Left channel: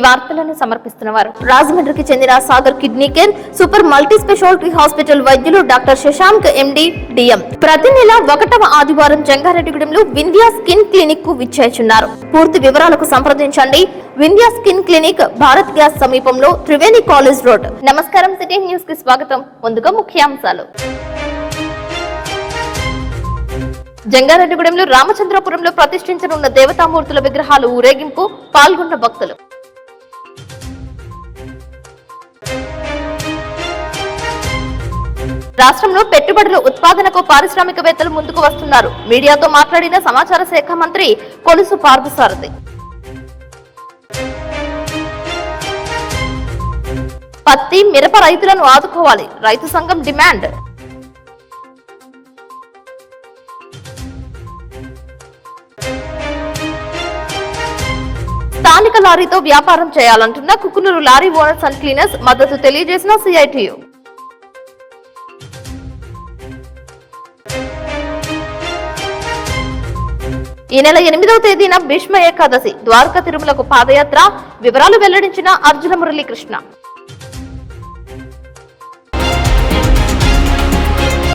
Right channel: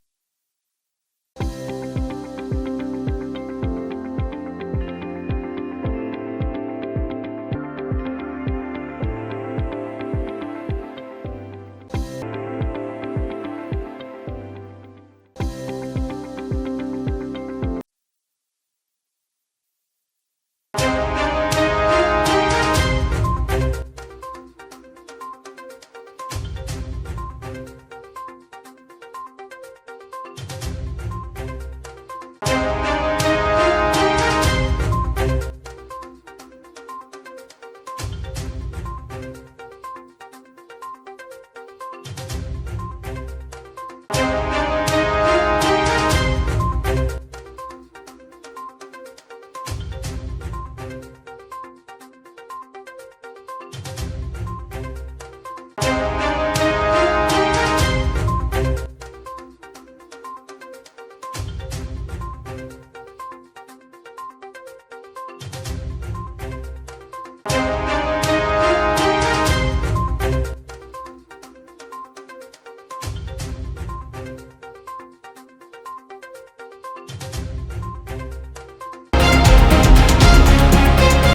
ఈ వార్తలను సమర్పిస్తున్నవారు రాజమండ్రికి చెందిన Sagar kidney care super multi speciality hospital వైద్యులు డాక్టర్ శశాంక్ ఎండి డిఎం. ప్రతి నెల 1వ ఆదివారం జంగారెడ్డిగూడెంలో వింధ్యా స్కిన్ క్లినిక్ కు విచ్చేస్తున్నారు. పూర్తి వివరాలకు సంప్రదించండి. Vindhya skin clinic, Bharat gas సమీపంలో, త్రివేణి కాలేజ్ రోడ్. నమస్కారం, సిటీ న్యూస్ కి స్వాగతం. ముందుగా ముఖ్యాంశాలు. జంగారెడ్డిగూడెంలో రామచంద్రపురంలో ప్రతిష్ఠించనున్న దేవతామూర్తుల విగ్రహాలు ఊరేగింపు పాల్గొన్న భక్తులు. రాష్ట్రంలో పెట్టుబడుల ఉత్పాదనకు పారిశ్రామికవేత్తలు ముందుకు వస్తున్నారు. మీడియాతో మాట్లాడిన సమాచార శాఖ మంత్రి కొలుసు పార్థసారథి. పత్తి, మిరప రైతులను ఆదుకోవాలి, రైతు సంఘం డిమాండ్. స్థానిక లారీతో వ్యాపారం చేయాలంటున్న Kukunoor lorry owners and cleaners మద్దతు తెలియజేసిన సిఐటియు. ఈ నెల 8వ తేదీన భీష్మ ఏకాదశి, ద్వారకా తిరుమలకు పాదయాత్ర. వివరాలు వెల్లడించిన అర్జున మురళీకృష్ణ.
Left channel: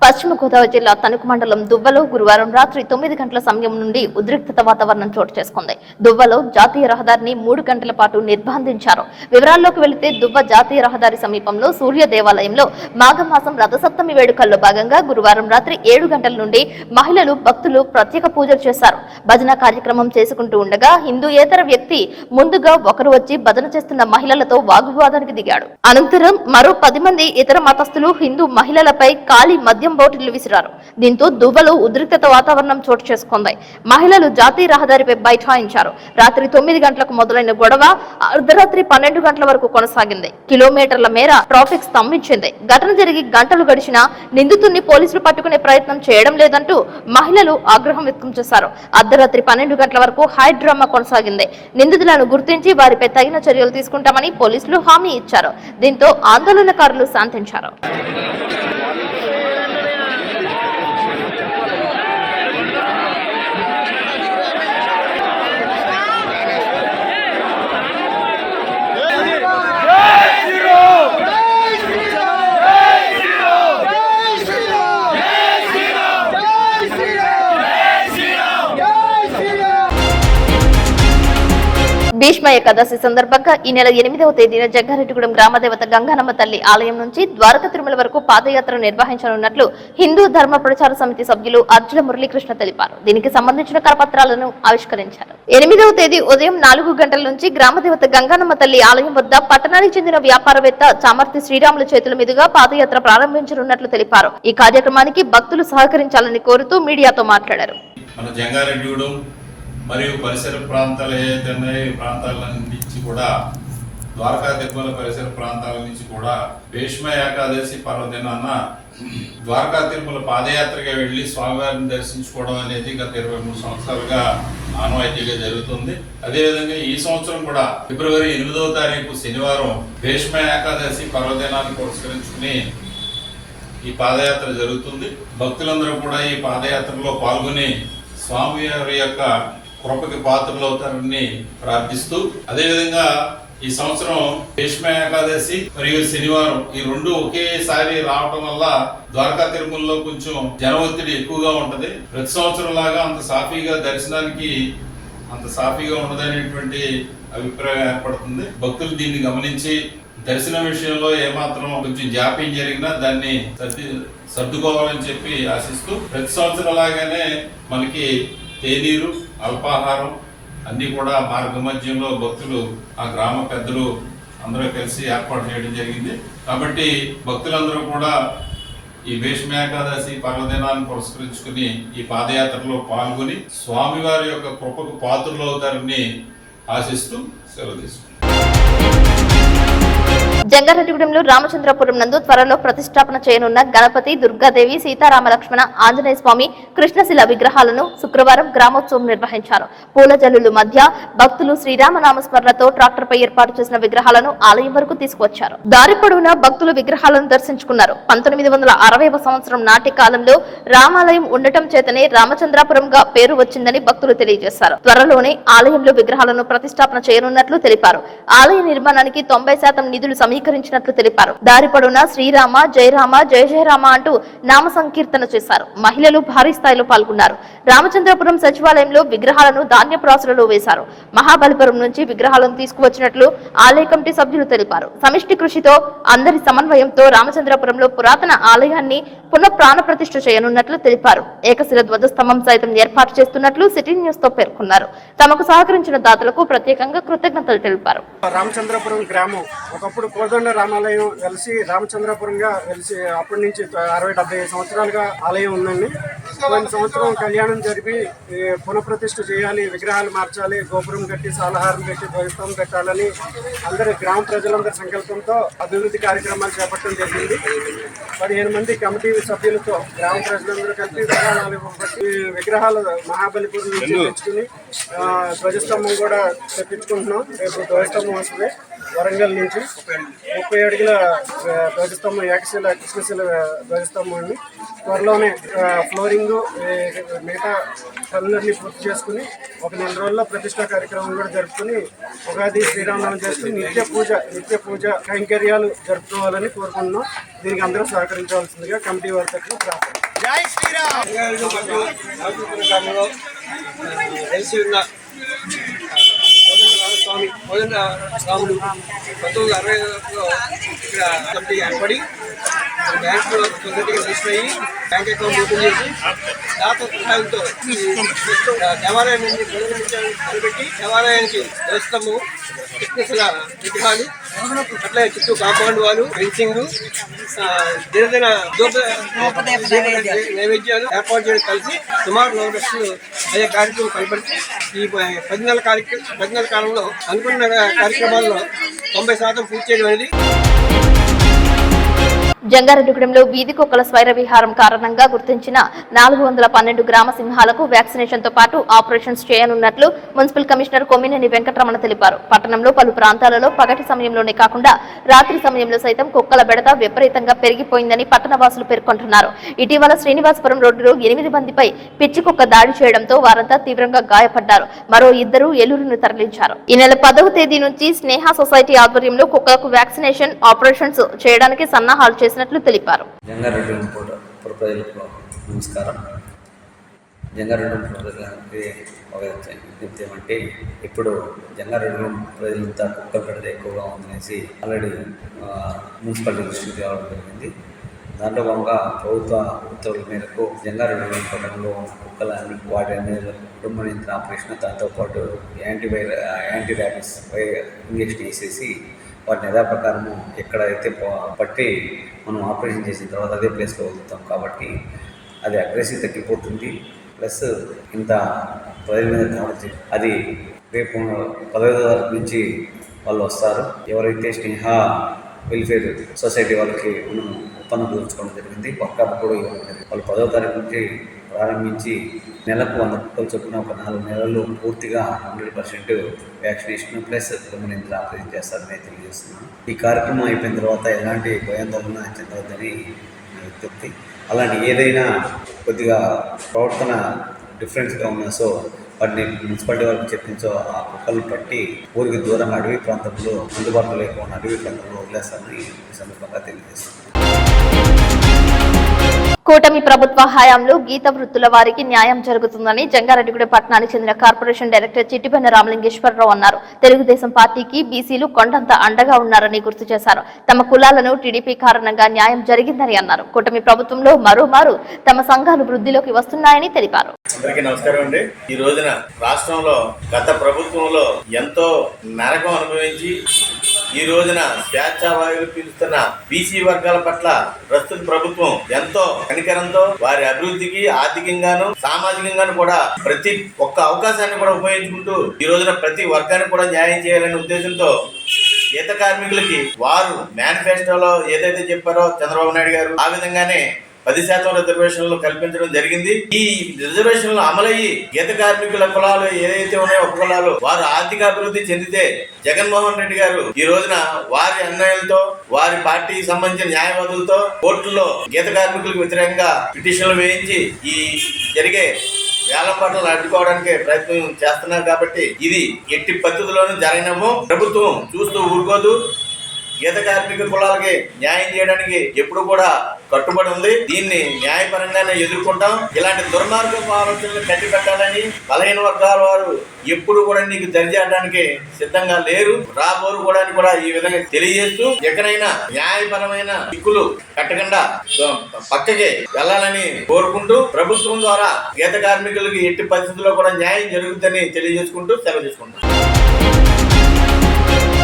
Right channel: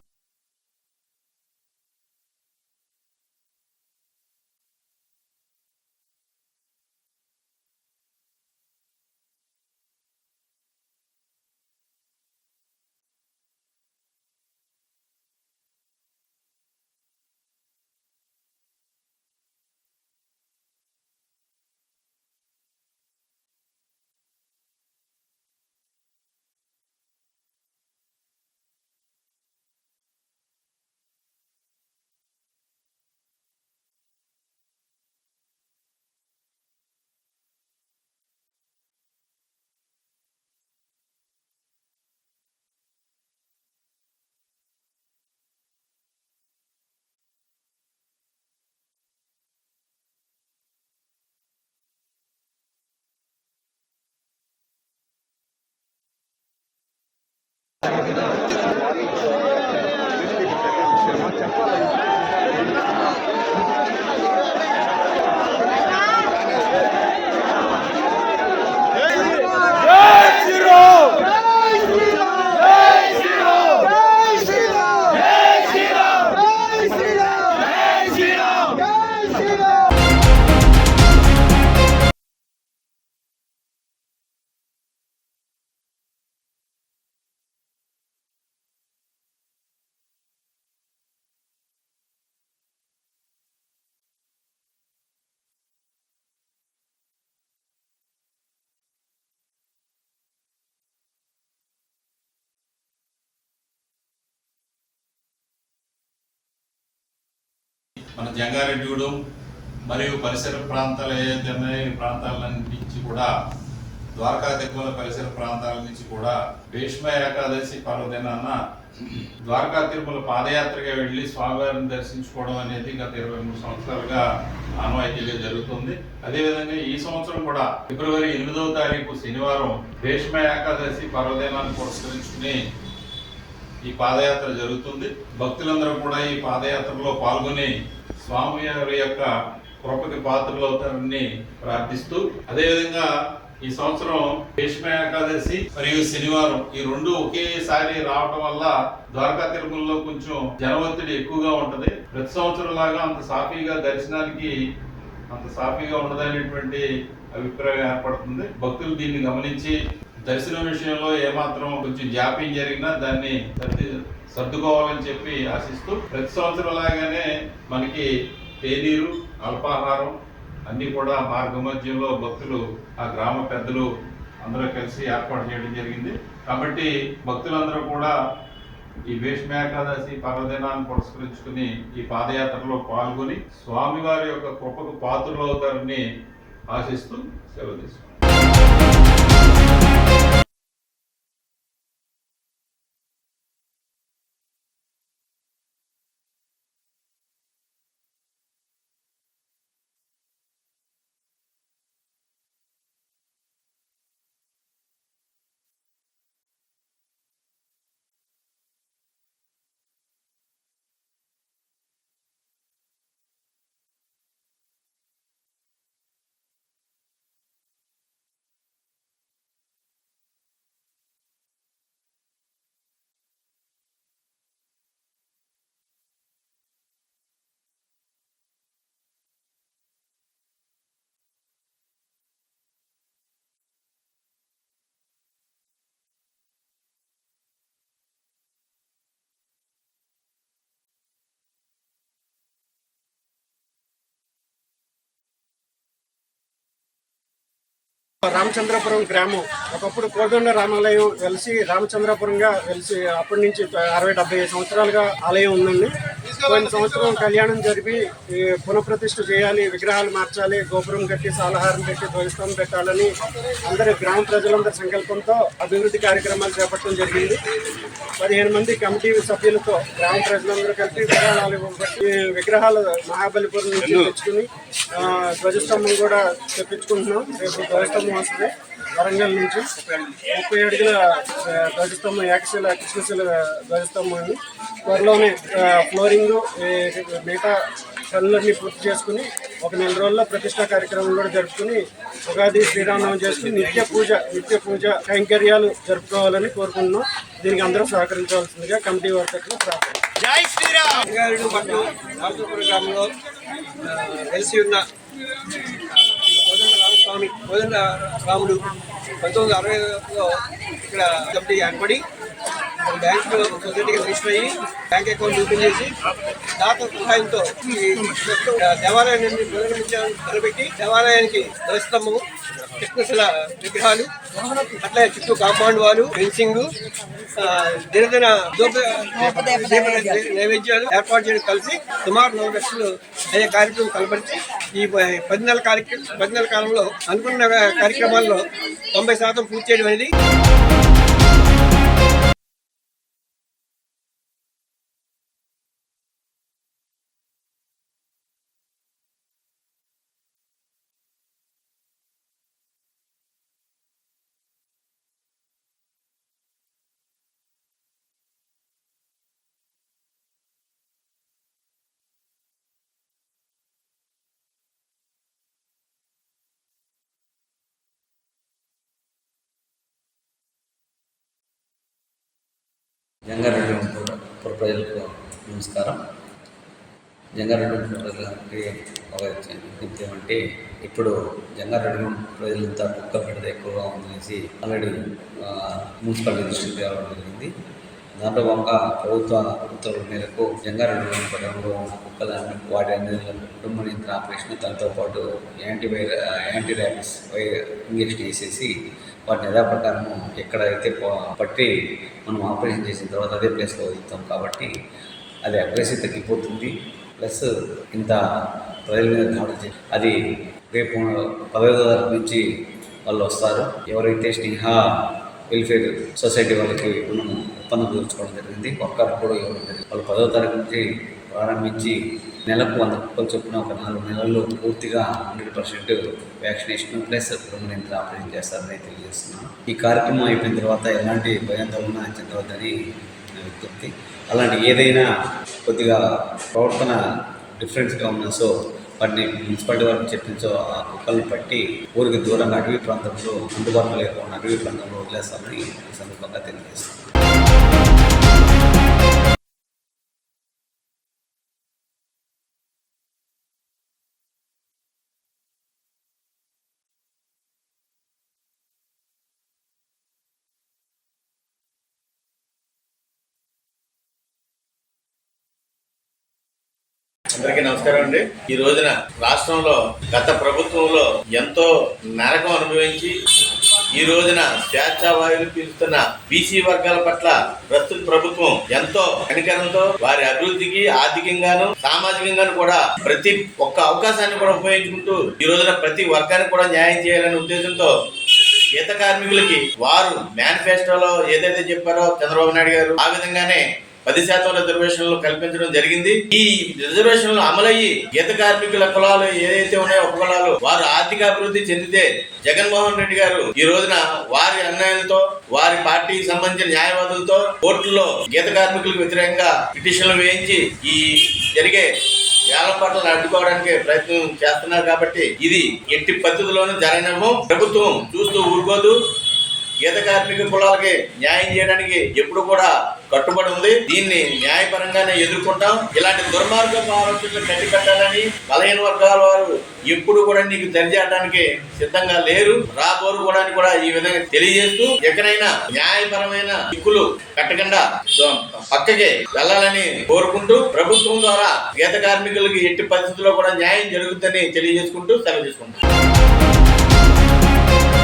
పశ్చిమ గోదావరి జిల్లా తణుకు మండలం దువ్వలో గురువారం రాత్రి 9 గంటల సమయం నుండి ఉద్రిక్తత వాతావరణం చోటు చేసుకుంది. దువ్వలో జాతీయ రహదారిని 3 గంటల పాటు నిర్బంధించారు. వివరాల్లోకి వెళితే దువ్వ జాతీయ రహదారి సమీపంలో సూర్య దేవాలయంలో మాఘమాసం రథసప్తమి వేడుకల్లో భాగంగా గురువారం రాత్రి 7 గంటల నుండి మహిళలు, భక్తులు ప్రత్యేక పూజలు చేశారు. భజన కార్యక్రమం చేసుకుంటూ ఉండగా హిందూయేతర వ్యక్తి ముందుగా ఒకరు వచ్చి భజన చేస్తున్న మహిళలతో వాగ్వివాదానికి దిగాడు. అనంతరం మరో 10 మంది ఇతర మతస్థులు హిందూ మహిళలపై కాలి మద్యం బాటిళ్లు విసిరారు. దీంతో దువ్వలో ఉద్రిక్తత వాతావరణం చోటు చేసుకుంది. మహిళలు జాతీయ రహదారిపై బైఠాయించారు. రాత్రి 9 గంటలకు మొదలైన గొడవ అర్ధరాత్రి 12 గంటల వరకు కొనసాగింది. కిలోమీటర్ల మేర ట్రాఫిక్ స్తంభించింది. ఘటన జరిగి గంటలు గడిచినా నిందితుడిని పోలీసులు పట్టుకునే ప్రయత్నం చేయడం లేదంటూ మహిళలు ఆగ్రహం వ్యక్తం చేశారు. అర్ధరాత్రి 12 గంటల వరకు హై డ్రామా కొనసాగింది. నిందితులను గుర్తించి వారిపై తగిన చర్యలు తీసుకుంటామని పోలీసులు హామీ ఇచ్చారు. దీంతో ఆందోళనకారులు శాంతించారు. భీష్మ ఏకాదశి సందర్భంగా ఈ నెల 8వ తేదీన జంగారెడ్డిగూడెం గ్రామదేవత గంగానమ్మ తల్లి ఆలయం నుంచి ద్వారకా తిరుమల వరకు పాదయాత్ర నిర్వహించనున్నట్లు హిందూ ధర్మ ప్రచార సమితి సభ్యులు అర్జున మురళీకృష్ణ తెలిపారు. దీనికి సంబంధించిన కరపత్రాలను ఆవిష్కరించారు. 8వ తేదీ ఉదయం 4 గంటల నుంచి గ్రామదేవత గంగానమ్మ తల్లి ఆలయం వద్ద పట్టణానికి చెందిన వ్యాపారవేత్త చామర్తి శ్రీరాముల చేతుల మీదుగా పాదయాత్ర ప్రారంభించనున్నట్లు తెలిపారు. ఈ కార్యక్రమానికి భక్తులు సహకరించాలని కోరుతూ మీడియాతో మాట్లాడారు. మరియు పరిసర ప్రాంతాలు ఏదైతే ఉన్నాయో ఈ ప్రాంతాల నుంచి కూడా, ద్వారకా తిరుమల పరిసర ప్రాంతాల నుంచి కూడా భీష్మ ఏకాదశి పర్వదినాన ద్వారకా తిరుమల పాదయాత్రగా వెళ్లి స్వామివారిని దర్శించుకోవడం అనేది గత 23 సంవత్సరాలుగా ఆనవాయితీగా జరుగుతుంది. అదేవిధంగా ఈ సంవత్సరం కూడా ఫిబ్రవరి 8వ తారీఖు శనివారం భీష్మ ఏకాదశి పర్వదినాన్ని పురస్కరించుకుని ఈ పాదయాత్ర జరుగుతుంది. భక్తులందరూ కూడా ఈ పాదయాత్రలో పాల్గొని స్వామివారి యొక్క కృపకి పాత్రలు అవుతారని ప్రార్థిస్తూ, అదేవిధంగా ఈ సంవత్సరం భీష్మ ఏకాదశి మరియు శనివారం ఈ 2 ఒకేసారి రావటం వల్ల ద్వారకా తిరుమలలో కొంచెం జన ఒత్తిడి ఎక్కువగా ఉంటది. ప్రతి సంవత్సరం లాగా అంత సాఫీగా దర్శనానికి అంత సాఫీగా ఉండదనేటువంటి అభిప్రాయం ఏర్పడుతుంది. భక్తులు దీన్ని గమనించి దర్శనం విషయంలో ఏమాత్రం కొంచెం జాప్యం జరిగినా దాన్ని సర్దుకోవాలని చెప్పి ఆశిస్తూ, ప్రతి సంవత్సరం లాగానే మనకి తేనీరు, అల్పాహారం అన్ని కూడా మార్గ మధ్యంలో భక్తులు, ఆ గ్రామ పెద్దలు అందరూ కలిసి ఏర్పాటు చేయడం జరిగింది. కాబట్టి భక్తులందరూ కూడా ఈ భీష్మ ఏకాదశి పర్వదినాన్ని పురస్కరించుకుని ఈ పాదయాత్రలో పాల్గొని స్వామివారి యొక్క కృపకు పాత్రలు అవుతారని ఆశిస్తూ సెలవు తీసుకుంటాం. జంగారెడ్డిగూడెంలో రామచంద్రపురం నందు త్వరలో ప్రతిష్టాపన చేయనున్న గణపతి, దుర్గాదేవి, సీతారామ లక్ష్మణ, ఆంజనేయ స్వామి, కృష్ణశిల విగ్రహాలను శుక్రవారం గ్రామోత్సవం నిర్వహించారు. పూల జల్లుల మధ్య భక్తులు శ్రీరామనామస్మరణతో ట్రాక్టర్పై ఏర్పాటు చేసిన విగ్రహాలను ఆలయం వరకు తీసుకువచ్చారు. దారి పొడవునా భక్తులు విగ్రహాలను దర్శించుకున్నారు. 1960వ సంవత్సరం నాటి కాలంలో రామాలయం ఉండటం చేతనే రామచంద్రాపురంగా పేరు వచ్చిందని భక్తులు తెలియజేశారు. త్వరలోనే ఆలయంలో విగ్రహాలను ప్రతిష్టాపన చేయనున్నట్లు తెలిపారు. ఆలయ నిర్మాణానికి 90% నిధులు సమీకరించినట్లు తెలిపారు. దారి పొడవునా శ్రీరామ, జయరామ, జయ జయరామ అంటూ నామ సంకీర్తన చేశారు. మహిళలు భారీ స్థాయిలో పాల్గొన్నారు. రామచంద్రపురం సచివాలయంలో విగ్రహాలను ధాన్యపు రాసులలో వేశారు. మహాబలిపురం నుంచి విగ్రహాలను తీసుకువచ్చినట్లు ఆలయ కమిటీ సభ్యులు తెలిపారు. సమిష్టి కృషితో అందరి సమన్వయంతో రామచంద్రపురంలో పురాతన ఆలయాన్ని పునః ప్రాణ ప్రతిష్ఠ చేయనున్నట్లు తెలిపారు. ఏకశిల ధ్వజస్తంభం సైతం ఏర్పాటు చేస్తున్నట్లు సిటీ న్యూస్ తో పేర్కొన్నారు. తమకు సహకరించిన దాతలకు ప్రత్యేకంగా కృతజ్ఞతలు తెలిపారు. రామచంద్రపురం గ్రామం ఒకప్పుడు కోదండ రామాలయం వెలిసి రామచంద్రపురంగా వెలిసి అప్పటి నుంచి 60-70 సంవత్సరాలుగా ఆలయం ఉందండి. కొన్ని సంవత్సరం కళ్యాణం జరిపి పునఃప్రతిష్ఠ చేయాలి, విగ్రహాలు మార్చాలి, గోపురం కట్టి సాలహారం పెట్టి ధ్వజస్తంభం పెట్టాలని అందరి గ్రామ ప్రజలందరి సంకల్పంతో అభివృద్ధి కార్యక్రమాలు చేపట్టడం జరిగింది. 15 మంది కమిటీ సభ్యులతో గ్రామ ప్రజలందరూ కలిపి విగ్రహాలు మహాబలిపురం నుంచి తెచ్చుకుని ధ్వజస్తంభం కూడా తెప్పించుకుంటున్నాం. రేపు ధ్వజస్తంభం వస్తుంది వరంగల్ నుంచి 30 అడుగుల ధ్వజస్తంభం, ఏకశిల కృష్ణశిల ధ్వజస్తంభం అండి. త్వరలోనే ఫ్లోరింగ్ మిగతా పనులన్నీ పూర్తి చేసుకుని 1 నెల రోజుల్లో ప్రతిష్టా కార్యక్రమం కూడా జరుపుకుని ఉగాది శ్రీరామనవమి చేసుకుని నిత్య పూజ కైంకర్యాలు జరుపుకోవాలని కోరుకుంటున్నాం. దీనికి అందరూ సహకరించవలసిందిగా కమిటీ వారి తరఫున ప్రార్థన. జై శ్రీరామ్. వెలిసి ఉన్న స్వామి కోదండ రాముడు 1960లో ఇక్కడ కమిటీ ఏర్పడి బ్యాంక్ సొసైటీకి రిజిస్టర్ అయ్యి బ్యాంక్ అకౌంట్ ఓపెన్ చేసి దాత సహాయంతో దేవాలయాన్ని నిలబెట్టి దేవాలయానికి ధ్వజస్తంభము, కృష్ణశిల విగ్రహాలు, అట్లా చుట్టూ కాంపౌండ్ వాళ్ళు, ఫెన్సింగ్, దినదిన నైవేద్యాలు ఏర్పాటు చేయడం కలిసి సుమారు 4 లక్షలు అయ్యే కార్యక్రమం కనపరిచి ఈ 10 నెలల కాలంలో అనుకున్న కార్యక్రమాల్లో 90% పూర్తి చేయడం అనేది. జంగారెడ్డిగూడెంలో వీధి కుక్కల స్వైర విహారం కారణంగా గుర్తించిన 412 గ్రామ సింహాలకు వ్యాక్సినేషన్ తో పాటు ఆపరేషన్స్ చేయనున్నట్లు మున్సిపల్ కమిషనర్ కొమ్మినేని వెంకటరమణ తెలిపారు. పట్టణంలో పలు ప్రాంతాలలో పగటి సమయంలోనే కాకుండా రాత్రి సమయంలో సైతం కుక్కల బెడద విపరీతంగా పెరిగిపోయిందని పట్టణవాసులు పేర్కొంటున్నారు. ఇటీవల శ్రీనివాసపురం రోడ్డులో 8 మందిపై పిచ్చి కుక్క దాడి చేయడంతో వారంతా తీవ్రంగా గాయపడ్డారు. మరో 2 ఏలూరును తరలించారు. ఈ నెల 10వ తేదీ నుంచి స్నేహ సొసైటీ ఆధ్వర్యంలో కుక్కలకు వ్యాక్సినేషన్ ఆపరేషన్స్ చేయడానికి సన్నాహాలు చేసినట్లు తెలిపారు. జంగారెడ్డిగూడెం ప్రజలకు నమస్కారం. జంగారెడ్డిగూడెం ప్రజలకి ఒక విజ్ఞప్తి ఏమంటే, ఇప్పుడు జంగారెడ్డిగూడెం ప్రజలంతా కుక్కల బెడద ఎక్కువగా ఉందనేసి ఆల్రెడీ మున్సిపాలిటీ దృష్టికి తేవడం జరిగింది. దాంట్లో భాగంగా ప్రభుత్వ ఉత్తర్వుల మేరకు జంగారెడ్డిగూడెం పట్టణంలో ఉన్న కుక్కలన్నీ వాటి అన్ని కుటుంబ నియంత్రణ ఆపరేషన్, దాంతోపాటు యాంటీ ర్యాబిస్ ఇంజెక్షన్ వేసేసి వాటిని యథాప్రకారము ఎక్కడైతే పట్టి మనం ఆపరేషన్ చేసిన తర్వాత అదే ప్లేస్లో వదులుతాం. కాబట్టి అది అగ్రెసివ్ తగ్గిపోతుంది. ప్లస్ ఇంత ప్రజల మీద దాడి అది రేపు 15వ తారీఖు నుంచి వాళ్ళు వస్తారు. ఎవరైతే స్నేహ వెల్ఫేర్ సొసైటీ వాళ్ళకి మనం ఒప్పందం కుదుర్చుకోవడం జరిగింది. వర్కర్ కూడా ఇవ్వడం జరిగింది. వాళ్ళు 10వ తారీఖు నుంచి ప్రారంభించి నెలకు 100 కుక్కలు చొప్పున ఒక 4 నెలల్లో పూర్తిగా 100% వ్యాక్సినేషన్ ప్లస్ కుటుంబ నియంత్రణ ఆపరేషన్ చేస్తారని తెలియజేస్తున్నాను. ఈ కార్యక్రమం అయిపోయిన తర్వాత ఎలాంటి భయాందోళన చెందవద్దని నా విజ్ఞప్తి. అలాంటి ఏదైనా కొద్దిగా ప్రవర్తన డిఫరెన్స్గా ఉన్నా సో వాటిని మున్సిపాలిటీ వారికి చెప్పించో ఆ కుక్కలను పట్టి ఊరికి దూరంగా అడవి ప్రాంతంలో అందుబాటులో లేకుండా అడవి ప్రాంతంలో వదిలేస్తామని ఈ సందర్భంగా తెలియజేస్తున్నాను. కూటమి ప్రభుత్వ హయాంలో గీత వృత్తుల వారికి న్యాయం జరుగుతుందని జంగారెడ్డిగూడెం పట్టణానికి చెందిన కార్పొరేషన్ డైరెక్టర్ చిట్టిపన్న రామలింగేశ్వరరావు అన్నారు. తెలుగుదేశం పార్టీకి బీసీలు కొండంత అండగా ఉన్నారని గుర్తు చేశారు. తమ కులాలను టీడీపీ కారణంగా న్యాయం జరిగిందని అన్నారు. కూటమి ప్రభుత్వంలో మరోమారు తమ సంఘాలు వృద్ధిలోకి వస్తున్నాయని తెలిపారు. అందరికీ నమస్కారం అండి. ఈ రోజున రాష్ట్రంలో గత ప్రభుత్వంలో ఎంతో నరకం అనుభవించి ఈ రోజున స్వేచ్ఛావాయువులు పీలుస్తున్న బీసీ వర్గాల పట్ల ప్రస్తుత ప్రభుత్వం ఎంతో కనికరంతో వారి అభివృద్ధికి ఆర్థికంగాను సామాజికంగాను కూడా ప్రతి ఒక్క అవకాశాన్ని కూడా ఉపయోగించుకుంటూ ఈ రోజున ప్రతి వర్గానికి కూడా న్యాయం చేయాలనే ఉద్దేశంతో గీత కార్మికులకి వారు మేనిఫెస్టోలో ఏదైతే చెప్పారో చంద్రబాబు నాయుడు గారు ఆ విధంగానే 10% రిజర్వేషన్లు కల్పించడం జరిగింది. ఈ రిజర్వేషన్లు అమలయ్యి గీత కార్మికుల కులాలు ఏదైతే ఉన్నాయో ఉపకులాలు వారు ఆర్థికాభివృద్ధి చెందితే జగన్మోహన్ రెడ్డి గారు ఈ రోజున వారి అన్యాయాలతో వారి పార్టీకి సంబంధించిన న్యాయవాదులతో కోర్టుల్లో గీత కార్మికులకు వ్యతిరేకంగా పిటిషన్లు వేయించి ఈ జరిగే వేలంపాటలను అడ్డుకోవడానికి ప్రయత్నం చేస్తున్నారు. కాబట్టి ఇది ఎట్టి పద్ధతిలోనూ జరగనము. ప్రభుత్వం చూస్తూ ఊరుకోదు. గీత కార్మిక కులాలకి న్యాయం చేయడానికి ఎప్పుడు కూడా కట్టుబడి ఉంది. దీన్ని న్యాయపరంగానే ఎదుర్కొంటాం. ఇలాంటి దుర్మార్గపు ఆలోచనలు కట్టిపెట్టాలని బలహీన వర్గాల వారు ఎప్పుడు కూడా నీకు దరిచేయడానికి సిద్ధంగా లేరు, రాబోరు కూడా ఈ విధంగా తెలియజేస్తూ ఎక్కడైనా న్యాయపరమైన చిక్కులు కట్టకుండా పక్కకి వెళ్ళాలని కోరుకుంటూ ప్రభుత్వం ద్వారా గీత కార్మికులకి ఎట్టి పరిస్థితుల్లో కూడా న్యాయం జరుగుతుందని తెలియజేసుకుంటూ సెలవు తీసుకుంటాం.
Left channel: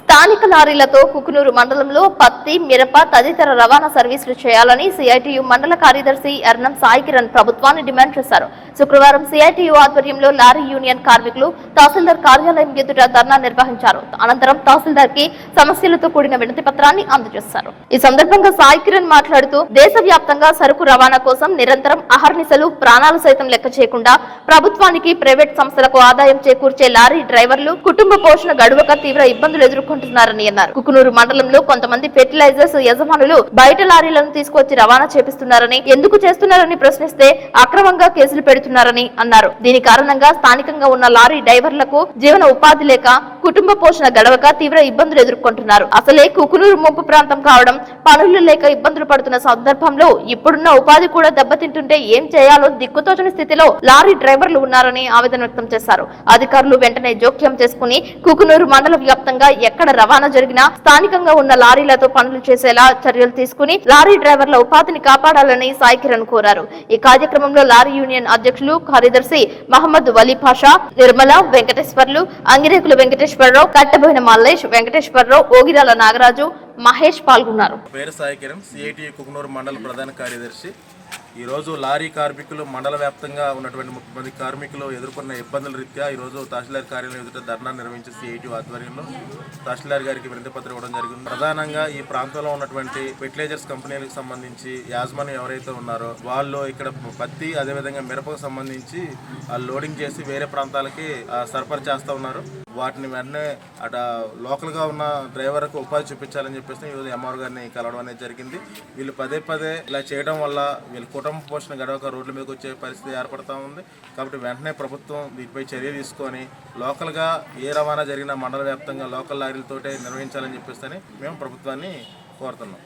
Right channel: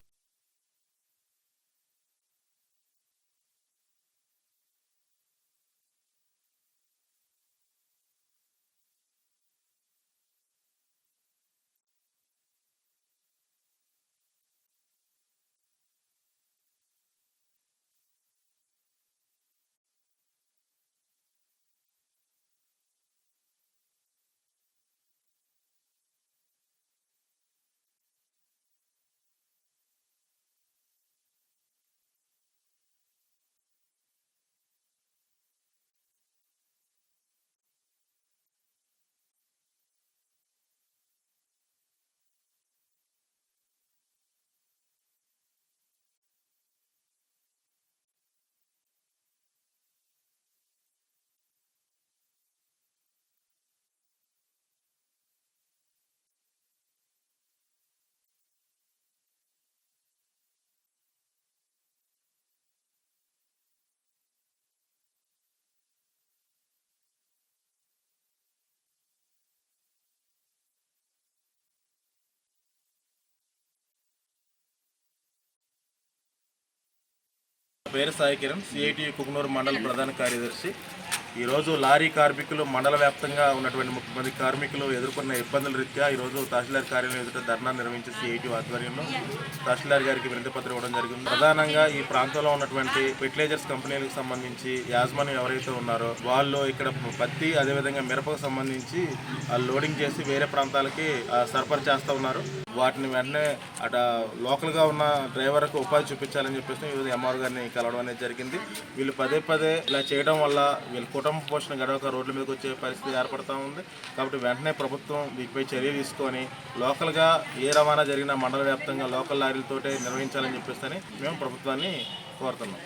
స్థానిక లారీలతో కుకునూరు మండలంలో పత్తి, మిరప తదితర రవాణా సర్వీసులు చేయాలని సిఐటియు మండల కార్యదర్శి ఎర్నం సాయి కిరణ్ ప్రభుత్వాన్ని డిమాండ్ చేశారు. శుక్రవారం సిఐటియు ఆధ్వర్యంలో లారీ యూనియన్ కార్మికులు తహసీల్దార్ కార్యాలయం ఎదుట ధర్నా నిర్వహించారు. అనంతరం తహసీల్దార్ కి సమస్యలతో కూడిన వినతి పత్రాన్ని అందజేశారు. ఈ సందర్భంగా సాయి కిరణ్ మాట్లాడుతూ దేశవ్యాప్తంగా సరుకు రవాణా కోసం నిరంతరం అహర్నిశలు ప్రాణాలు సైతం లెక్క చేయకుండా ప్రభుత్వానికి, ప్రైవేట్ సంస్థలకు ఆదాయం చేకూర్చే లారీ డ్రైవర్లు కుటుంబ పోషణ గడువక తీవ్ర ఇబ్బందులు ఎదుర్కొంటున్నారని అన్నారు. కుకునూరు మండలంలో కొంతమంది ఫెర్టిలైజర్స్ యజమానులు బయట లారీలను తీసుకొచ్చి రవాణా చేపిస్తున్నారని, ఎందుకు చేస్తున్నారని ప్రశ్నిస్తే అక్రమంగా కేసులు పెడుతున్నారని అన్నారు. దీని కారణంగా స్థానికంగా ఉన్న లారీ డ్రైవర్లకు జీవన ఉపాధి లేక కుటుంబ పోషణ గడవక తీవ్ర ఇబ్బందులు ఎదుర్కొంటున్నారు. అసలే కుకునూరు ముంపు ప్రాంతం కావడం, పనులు లేక ఇబ్బందులు పడుతున్న సందర్భంలో ఇప్పుడున్న ఉపాధి కూడా దెబ్బతింటుంటే ఏం చేయాలో దిక్కుతోచని స్థితిలో లారీ డ్రైవర్లు ఉన్నారని ఆవేదన వ్యక్తం చేశారు. అధికారులు వెంటనే జోక్యం చేసుకుని కుకునూరు మండల వ్యాప్తంగా ఎక్కడ రవాణా జరిగినా స్థానికంగా ఉన్న లారీలతో పనులు చేసేలా చర్యలు తీసుకుని లారీ డ్రైవర్ల ఉపాధిని కాపాడాలని సాయి కిరణ్ కోరారు. ఈ కార్యక్రమంలో లారీ యూనియన్ అధ్యక్షులు, కార్యదర్శి మహమ్మద్ వలీ పాషా, నిర్మల, వెంకటేశ్వర్లు, అంగిరేకుల వెంకటేశ్వరరావు, కట్టబోయిన మల్లేష్, వెంకటేశ్వరరావు, ఓగిరాల నాగరాజు, మహేష్ పాల్గొన్నారు. పేరు సాయి కిరణ్, సిఐటియు కుకునూరు మండల ప్రధాన కార్యదర్శి. ఈరోజు లారీ కార్మికులు మండల వ్యాప్తంగా ఉన్నటువంటి 30 మంది కార్మికులు ఎదుర్కొన్న ఇబ్బందుల రీత్యా ఈరోజు తహసీల్దార్ కార్యాలయం ఎదుట ధర్నా నిర్వహించి సిఐటియు ఆధ్వర్యంలో తహసీల్దార్ గారికి వినతి పత్రం ఇవ్వడం జరిగింది. ప్రధానంగా ఈ ప్రాంతంలో ఉన్నటువంటి ఫెర్టిలైజర్స్ కంపెనీలకు సంబంధించి యాజమాన్యం ఎవరైతే ఉన్నారో వాళ్ళు ఇక్కడ పత్తి అదేవిధంగా మిరపకు సంబంధించి లోడింగ్ చేసి వేరే ప్రాంతాలకి సరఫరా చేస్తూ ఉన్నారు. వాటిని వెంటనే అట లోకల్గా ఉన్న డ్రైవర్కు ఉపాధి చూపించాలని చెప్పేసి ఈరోజు ఎంఆర్ గారిని కలవడం అనేది జరిగింది. వీళ్ళు పదే ఇలా చేయడం వల్ల వీళ్ళ కుటుంబ పోషణ గడవక రోడ్ల మీదకి వచ్చే పరిస్థితి ఏర్పడుతూ ఉంది. కాబట్టి వెంటనే ప్రభుత్వం వీటిపై చర్య తీసుకొని లోకల్గా ఏ రవాణా జరిగినా మండల వ్యాప్తంగా లోకల్ లారీలతోటే నిర్వహించాలని చెప్పేసి మేము ప్రభుత్వాన్ని కోరుతున్నాం.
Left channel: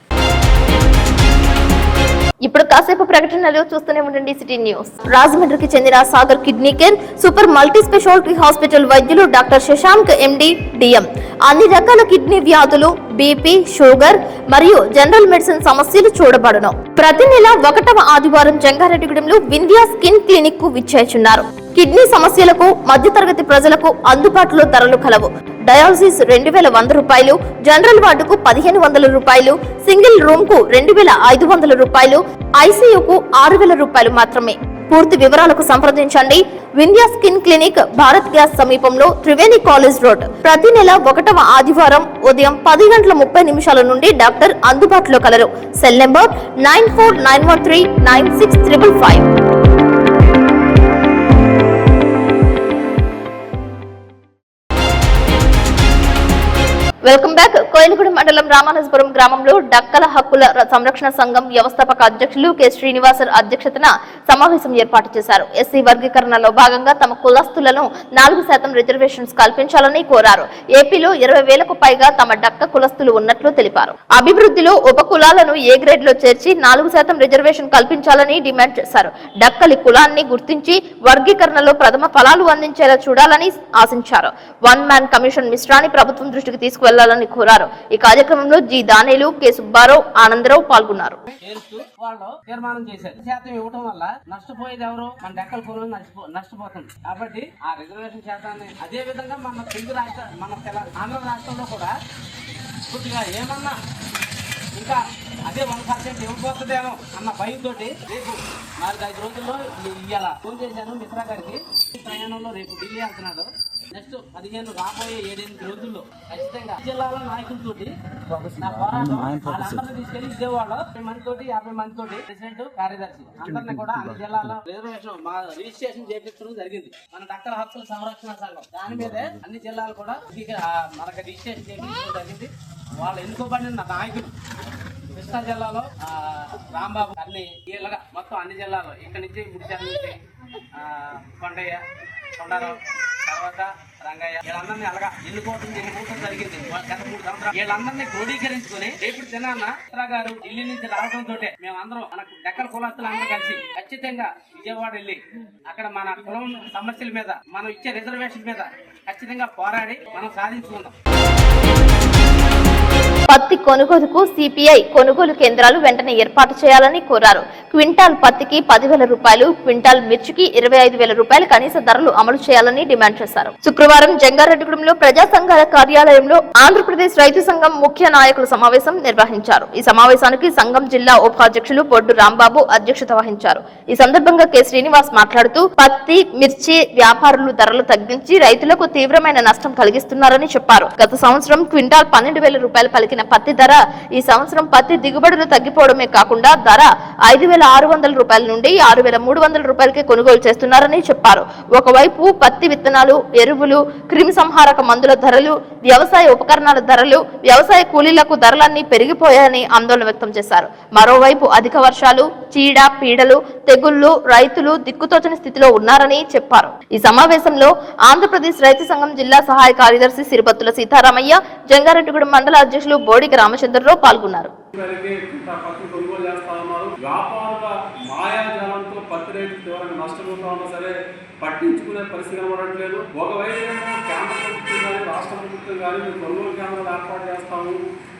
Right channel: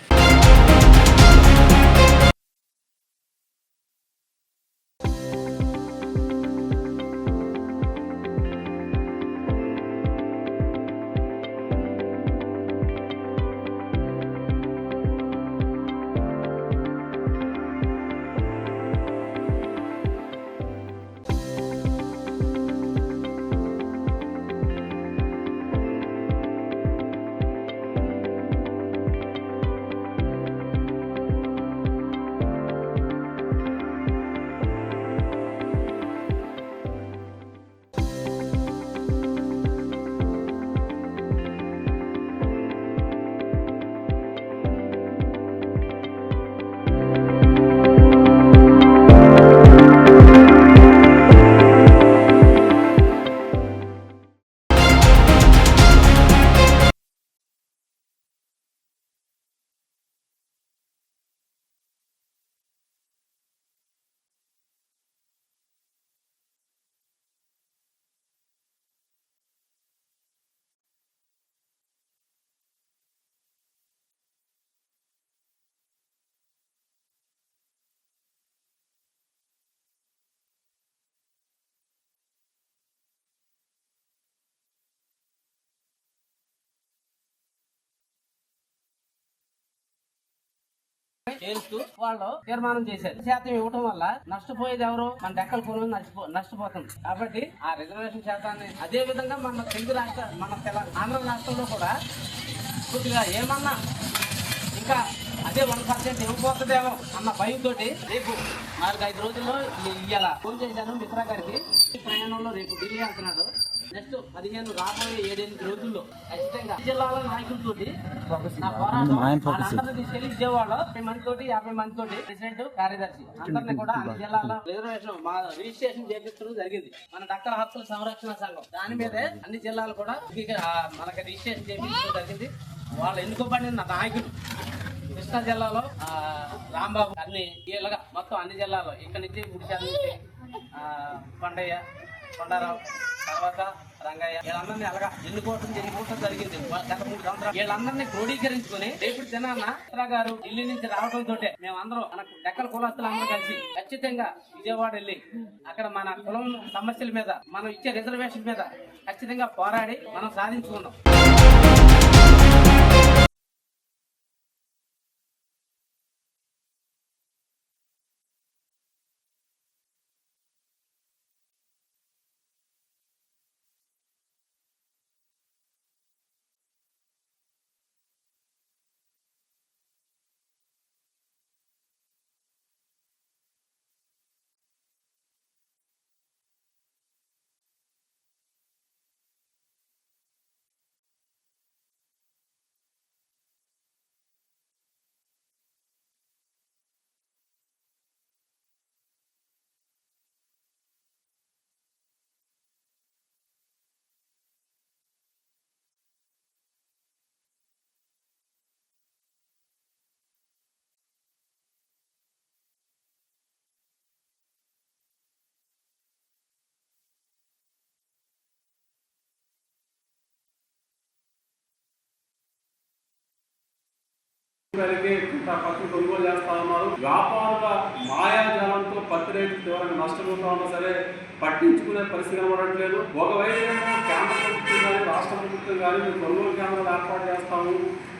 ఇప్పుడు కాసేపు ప్రకటనలు చూస్తూనే ఉండండి సిటీ న్యూస్. రాజమండ్రికి చెందిన Sagar kidney care super multi speciality hospital వైద్యులు డాక్టర్ శశాంక్ ఎండి డిఎం అన్ని రకాల కిడ్నీ వ్యాధులు, బీపీ, షుగర్ మరియు జనరల్ మెడిసిన్ సమస్యలు చూడబడును. ప్రతి నెల 1వ ఆదివారం జంగారెడ్డిగూడెంలో వింధ్యా స్కిన్ క్లినిక్ కు విచ్చేస్తున్నారు. కిడ్నీ సమస్యలకు మధ్యతరగతి ప్రజలకు అందుబాటులో ధరలు కలవు. డయాలసిస్ 2100 రూపాయలు, జనరల్ వార్డుకు 1500 రూపాయలు, సింగిల్ రూమ్ కు 2500 రూపాయలు, ఐసీయూకు 6000 రూపాయలు మాత్రమే. పూర్తి వివరాలకు సంప్రదించండి. Vindhya skin clinic, Bharat gas సమీపంలో, త్రివేణి కాలేజ్ రోడ్. ప్రతి నెల 1వ ఆదివారం ఉదయం 10:30 నుండి డాక్టర్ అందుబాటులో కలరు. Cell number 9491396555. Welcome back. Koilaguda మండలం రామానజపురం గ్రామంలో డక్కల హక్కుల సంరక్షణ సంఘం వ్యవస్థాపక అధ్యక్షులు కె శ్రీనివాసర్ అధ్యక్షతన సమావేశం ఏర్పాటు చేశారు. ఎస్సీ వర్గీకరణలో భాగంగా తమ కులస్తులను 4% రిజర్వేషన్స్ కల్పించాలని కోరారు. ఏపీలో 20,000కు పైగా తమ డక్క కులస్తులు ఉన్నట్లు తెలిపారు. అభివృద్ధిలో ఉప కులాలను ఏ గ్రేడ్ లో చేర్చి 4% రిజర్వేషన్ కల్పించాలని డిమాండ్ చేశారు. డక్కలి కులాన్ని గుర్తించి వర్గీకరణలో ప్రథమ ఫలాలు అందించేలా చూడాలని ఆశించారు. వన్ మ్యాన్ కమిషన్ మిశ్రాన్ని ప్రభుత్వం దృష్టికి తీసుకువెళ్లాలని కోరారు. ఈ కార్యక్రమంలో జి దానేలు, కె సుబ్బారావు, ఆనందరావు పాల్గొన్నారు. వాళ్ళు తీర్మానం చేశారు. శాతం ఇవ్వడం వల్ల నష్టపోయేది ఎవరు? మన డెక్కల కులం నష్టపోతుంది. కాబట్టి ఆ రిజర్వేషన్ శాతాన్ని అదే విధంగా మన తెలుగు రాష్ట్ర ఆంధ్ర రాష్ట్రంలో కూడా కొద్దిగా ఏమన్నా ఇంకా అదే 1% ఇవ్వబోతుందేమో అన్న భయంతో రేపు 4-5 రోజుల్లో ఇవాళ ఫోన్ చేశాను మిత్రా గారికి. ప్రయాణంలో రేపు ఢిల్లీ వెళ్తున్నాడు. నెక్స్ట్ 15 రాబోయే 7-8 రోజుల్లో ఖచ్చితంగా జిల్లాల నాయకులతోటి నా పోరాటం వాళ్ళందరినీ తీసుకెళ్లి విజయవాడ 50 మందితోటి 50 మందితోటి ప్రెసిడెంట్ కార్యదర్శి అందరినీ కూడా అన్ని జిల్లాల రిజర్వేషన్ మా రిజిస్ట్రేషన్ చేపించడం జరిగింది. మన డాక్టర్ హక్కుల సంరక్షణ సంఘం దాని మీదే అన్ని జిల్లాలు కూడా మనకి రిజిస్ట్రేషన్ చేపించడం జరిగింది. వాళ్ళు ఎన్నుకోబడిన నాయకులు కృష్ణా జిల్లాలో రాంబాబు అన్ని వీళ్ళగా మొత్తం అన్ని జిల్లాలో ఇక్కడ నుంచి ముడిచాల నుంచి కొండయ్య కొండారావు తర్వాత రంగయ్య వీళ్ళందరినీ అలాగా ఎన్నుకోవటం జరిగింది. గత 3 సంవత్సరాలు వీళ్ళందరినీ క్రోడీకరించుకుని రేపు దినాన్న చిత్రా గారు ఢిల్లీ నుంచి రావడంతో మేమందరం మనకు డెక్కల కులస్తులు అందరూ కలిసి ఖచ్చితంగా విజయవాడ వెళ్ళి అక్కడ మన కులం సమస్యల మీద మనం ఇచ్చే రిజర్వేషన్ మీద ఖచ్చితంగా పోరాడి మనం సాధించుకుందాం. పత్తి కొనుగోలుకు సిపిఐ కొనుగోలు కేంద్రాలు వెంటనే ఏర్పాటు చేయాలని కోరారు. క్వింటాల్ పత్తికి 10,000 రూపాయలు, క్వింటాల్ మిర్చికి 25,000 రూపాయలు కనీస ధరలు అమలు చేయాలని డిమాండ్ చేశారు. శుక్రవారం జంగారెడ్డిగూడెంలో ప్రజా సంఘాల కార్యాలయంలో ఆంధ్రప్రదేశ్ రైతు సంఘం ముఖ్య నాయకుల సమావేశం నిర్వహించారు. ఈ సమావేశానికి సంఘం జిల్లా ఉపాధ్యక్షులు బొడ్డు రాంబాబు అధ్యక్షత వహించారు. ఈ సందర్భంగా కె శ్రీనివాస్ మాట్లాడుతూ పత్తి, మిర్చి వ్యాపారులు ధరలు తగ్గించి రైతులకు తీవ్రమైన నష్టం కలిగిస్తున్నారని చెప్పారు. గత సంవత్సరం క్వింటాల్ 12,000 రూపాయలు పలికిన పత్తి ధర ఈ సంవత్సరం పత్తి దిగుబడులు తగ్గిపోవడమే కాకుండా ధర 5,600 రూపాయల నుండి 6,300 రూపాయలకే కొనుగోలు చేస్తున్నారని చెప్పారు. ఒకవైపు పత్తి విత్తనాలు, ఎరువులు, క్రిమి సంహారక మందుల ధరలు, వ్యవసాయ ఉపకరణాల ధరలు, వ్యవసాయ కూలీలకు ధరలన్నీ పెరిగిపోయాయని ఆందోళన వ్యక్తం చేశారు. మరోవైపు అధిక వర్షాలు, చీడ పీడలు, తెగుళ్లు రైతులు దిక్కుతోచని స్థితిలో ఉన్నారని చెప్పారు. ఈ సమావేశంలో ఆంధ్రప్రదేశ్ రైతు సంఘం జిల్లా సహాయ కార్యదర్శి సిరిపత్తుల సీతారామయ్య, జంగారెడ్డిగూడెం మండల అధ్యక్షులు బోడికి రామచంద్రరావు పాల్గొన్నారు. వ్యాపారుల మాయాజాలంతో పత్తి రైతులు తీవ్రంగా నష్టపోతా ఉన్నా సరే పట్టించుకునే పరిస్థితి కనబడట్లేదు. ఒకవైపు కేంద్ర ప్రభుత్వం కానీ రాష్ట్ర ప్రభుత్వం కానీ మేము కొనుగోలు కేంద్రాలు ఏర్పాటు చేస్తాము,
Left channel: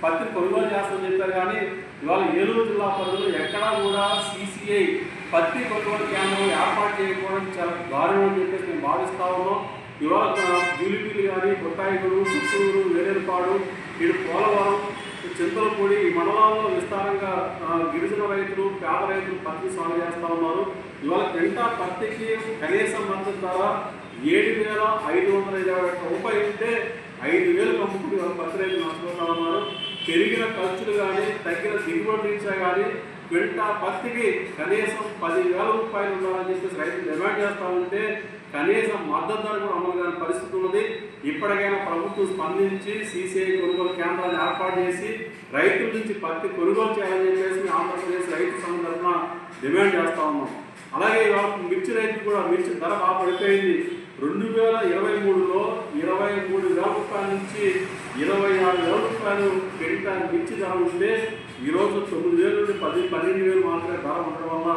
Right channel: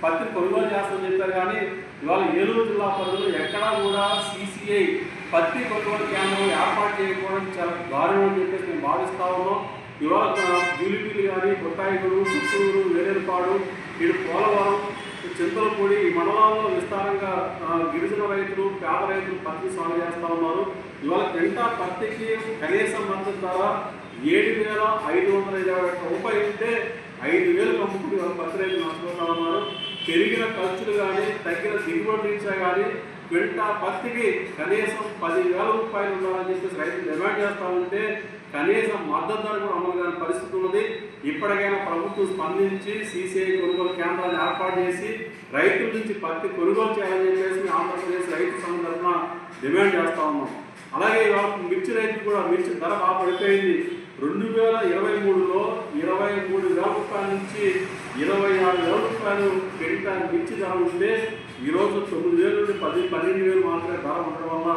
పత్తిని కొనుగోలు చేస్తామని చెప్పారు. కానీ ఇవాళ ఏలూరు జిల్లా పరిధిలో ఎక్కడా కూడా సిసిఐ పత్తి కొనుగోలు కేంద్రం ఏర్పాటు చేయకపోవడం చాలా దారుణం అని చెప్పేసి మేము భావిస్తా ఉన్నాం. ఇవాళ జూలిపీలు కానీ కొట్టాయిగూడు, చిత్తూరు, వేరేపాడు, ఇటు పోలవరం, చింతలపూడి ఈ మండలాల్లో విస్తారంగా గిరిజన రైతులు, పేద రైతులు పత్తి సాగు చేస్తూ ఉన్నారు. ఇవాళ క్వింటాల్ పత్తికి కనీస మద్దతు ధర 7,550 రూపాయలు ఉంటే 5,000 అమ్ముకుని పత్తి రైతులు నష్టపోతా ఉన్నారు. పెరిగిన ఖర్చులు కానీ తగ్గిన దిగుబడి రీత్యా కానీ క్వింటాల్ పత్తికి కనీసం 10,000 రూపాయలు ఉండాలని చెప్పేసి రైతులు డిమాండ్ చేస్తూ ఉంటే కనీసం మద్దతు ధర కూడా అమలు కాని పరిస్థితి ఉన్నది. ఇప్పటికైనా ప్రభుత్వం స్పందించి సిసిఐ కొనుగోలు కేంద్రాలను ఏర్పాటు చేసి రైతుల నుంచి పత్తి కొనుగోలు చేయాలని చెప్పేసి ఆంధ్రప్రదేశ్ రైతు సంఘం తరఫున డిమాండ్ చేస్తూ ఉన్నాం. అలాగే ఇవాళ మిర్చి రైతు కూడా మిర్చి ధర బాగా పడిపోయింది. 2023లో 23,000 రూపాయల నుంచి 26,000 రూపాయలు క్వింటాల్ మిర్చి ధర ఉంటే ఈరోజు 9,000 నుండి 12,000 మాత్రమే ధర ఉండడం వల్ల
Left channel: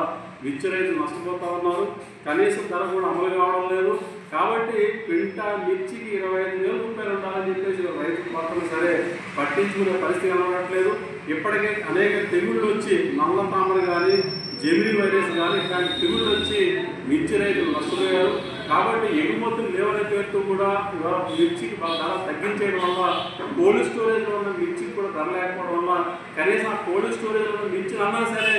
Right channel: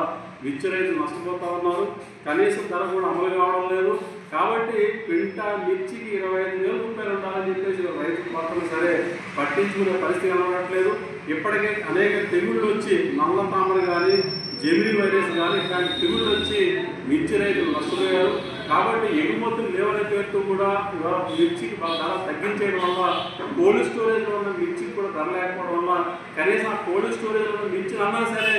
మిర్చి రైతులు నష్టపోతా ఉన్నారు. కనీసం ధర కూడా అమలు కావడం లేదు. కాబట్టి క్వింటాల్ మిర్చికి 25,000 రూపాయలు ఉండాలని చెప్పేసి రైతులు మాత్రం సరే పట్టించుకునే పరిస్థితి కనబడట్లేదు. ఇప్పటికే అనేక తెగుళ్ళు వచ్చి నల్ల తామర కానీ, జెమిని వైరస్ కానీ ఇట్లాంటి తెగుళ్ళు వచ్చి మిర్చి రైతులు నష్టపోయారు. కాబట్టి ఎగుమతులు లేవనే పేరుతో కూడా ఇవాళ మిర్చికి ధర తగ్గించేయడం వల్ల కోల్డ్ స్టోరేజ్లో ఉన్న మిర్చికి కూడా ధర లేకపోవడం వల్ల కనీసం కోల్డ్ స్టోరేజ్లో ఉన్న మిర్చిని అన్నా సరే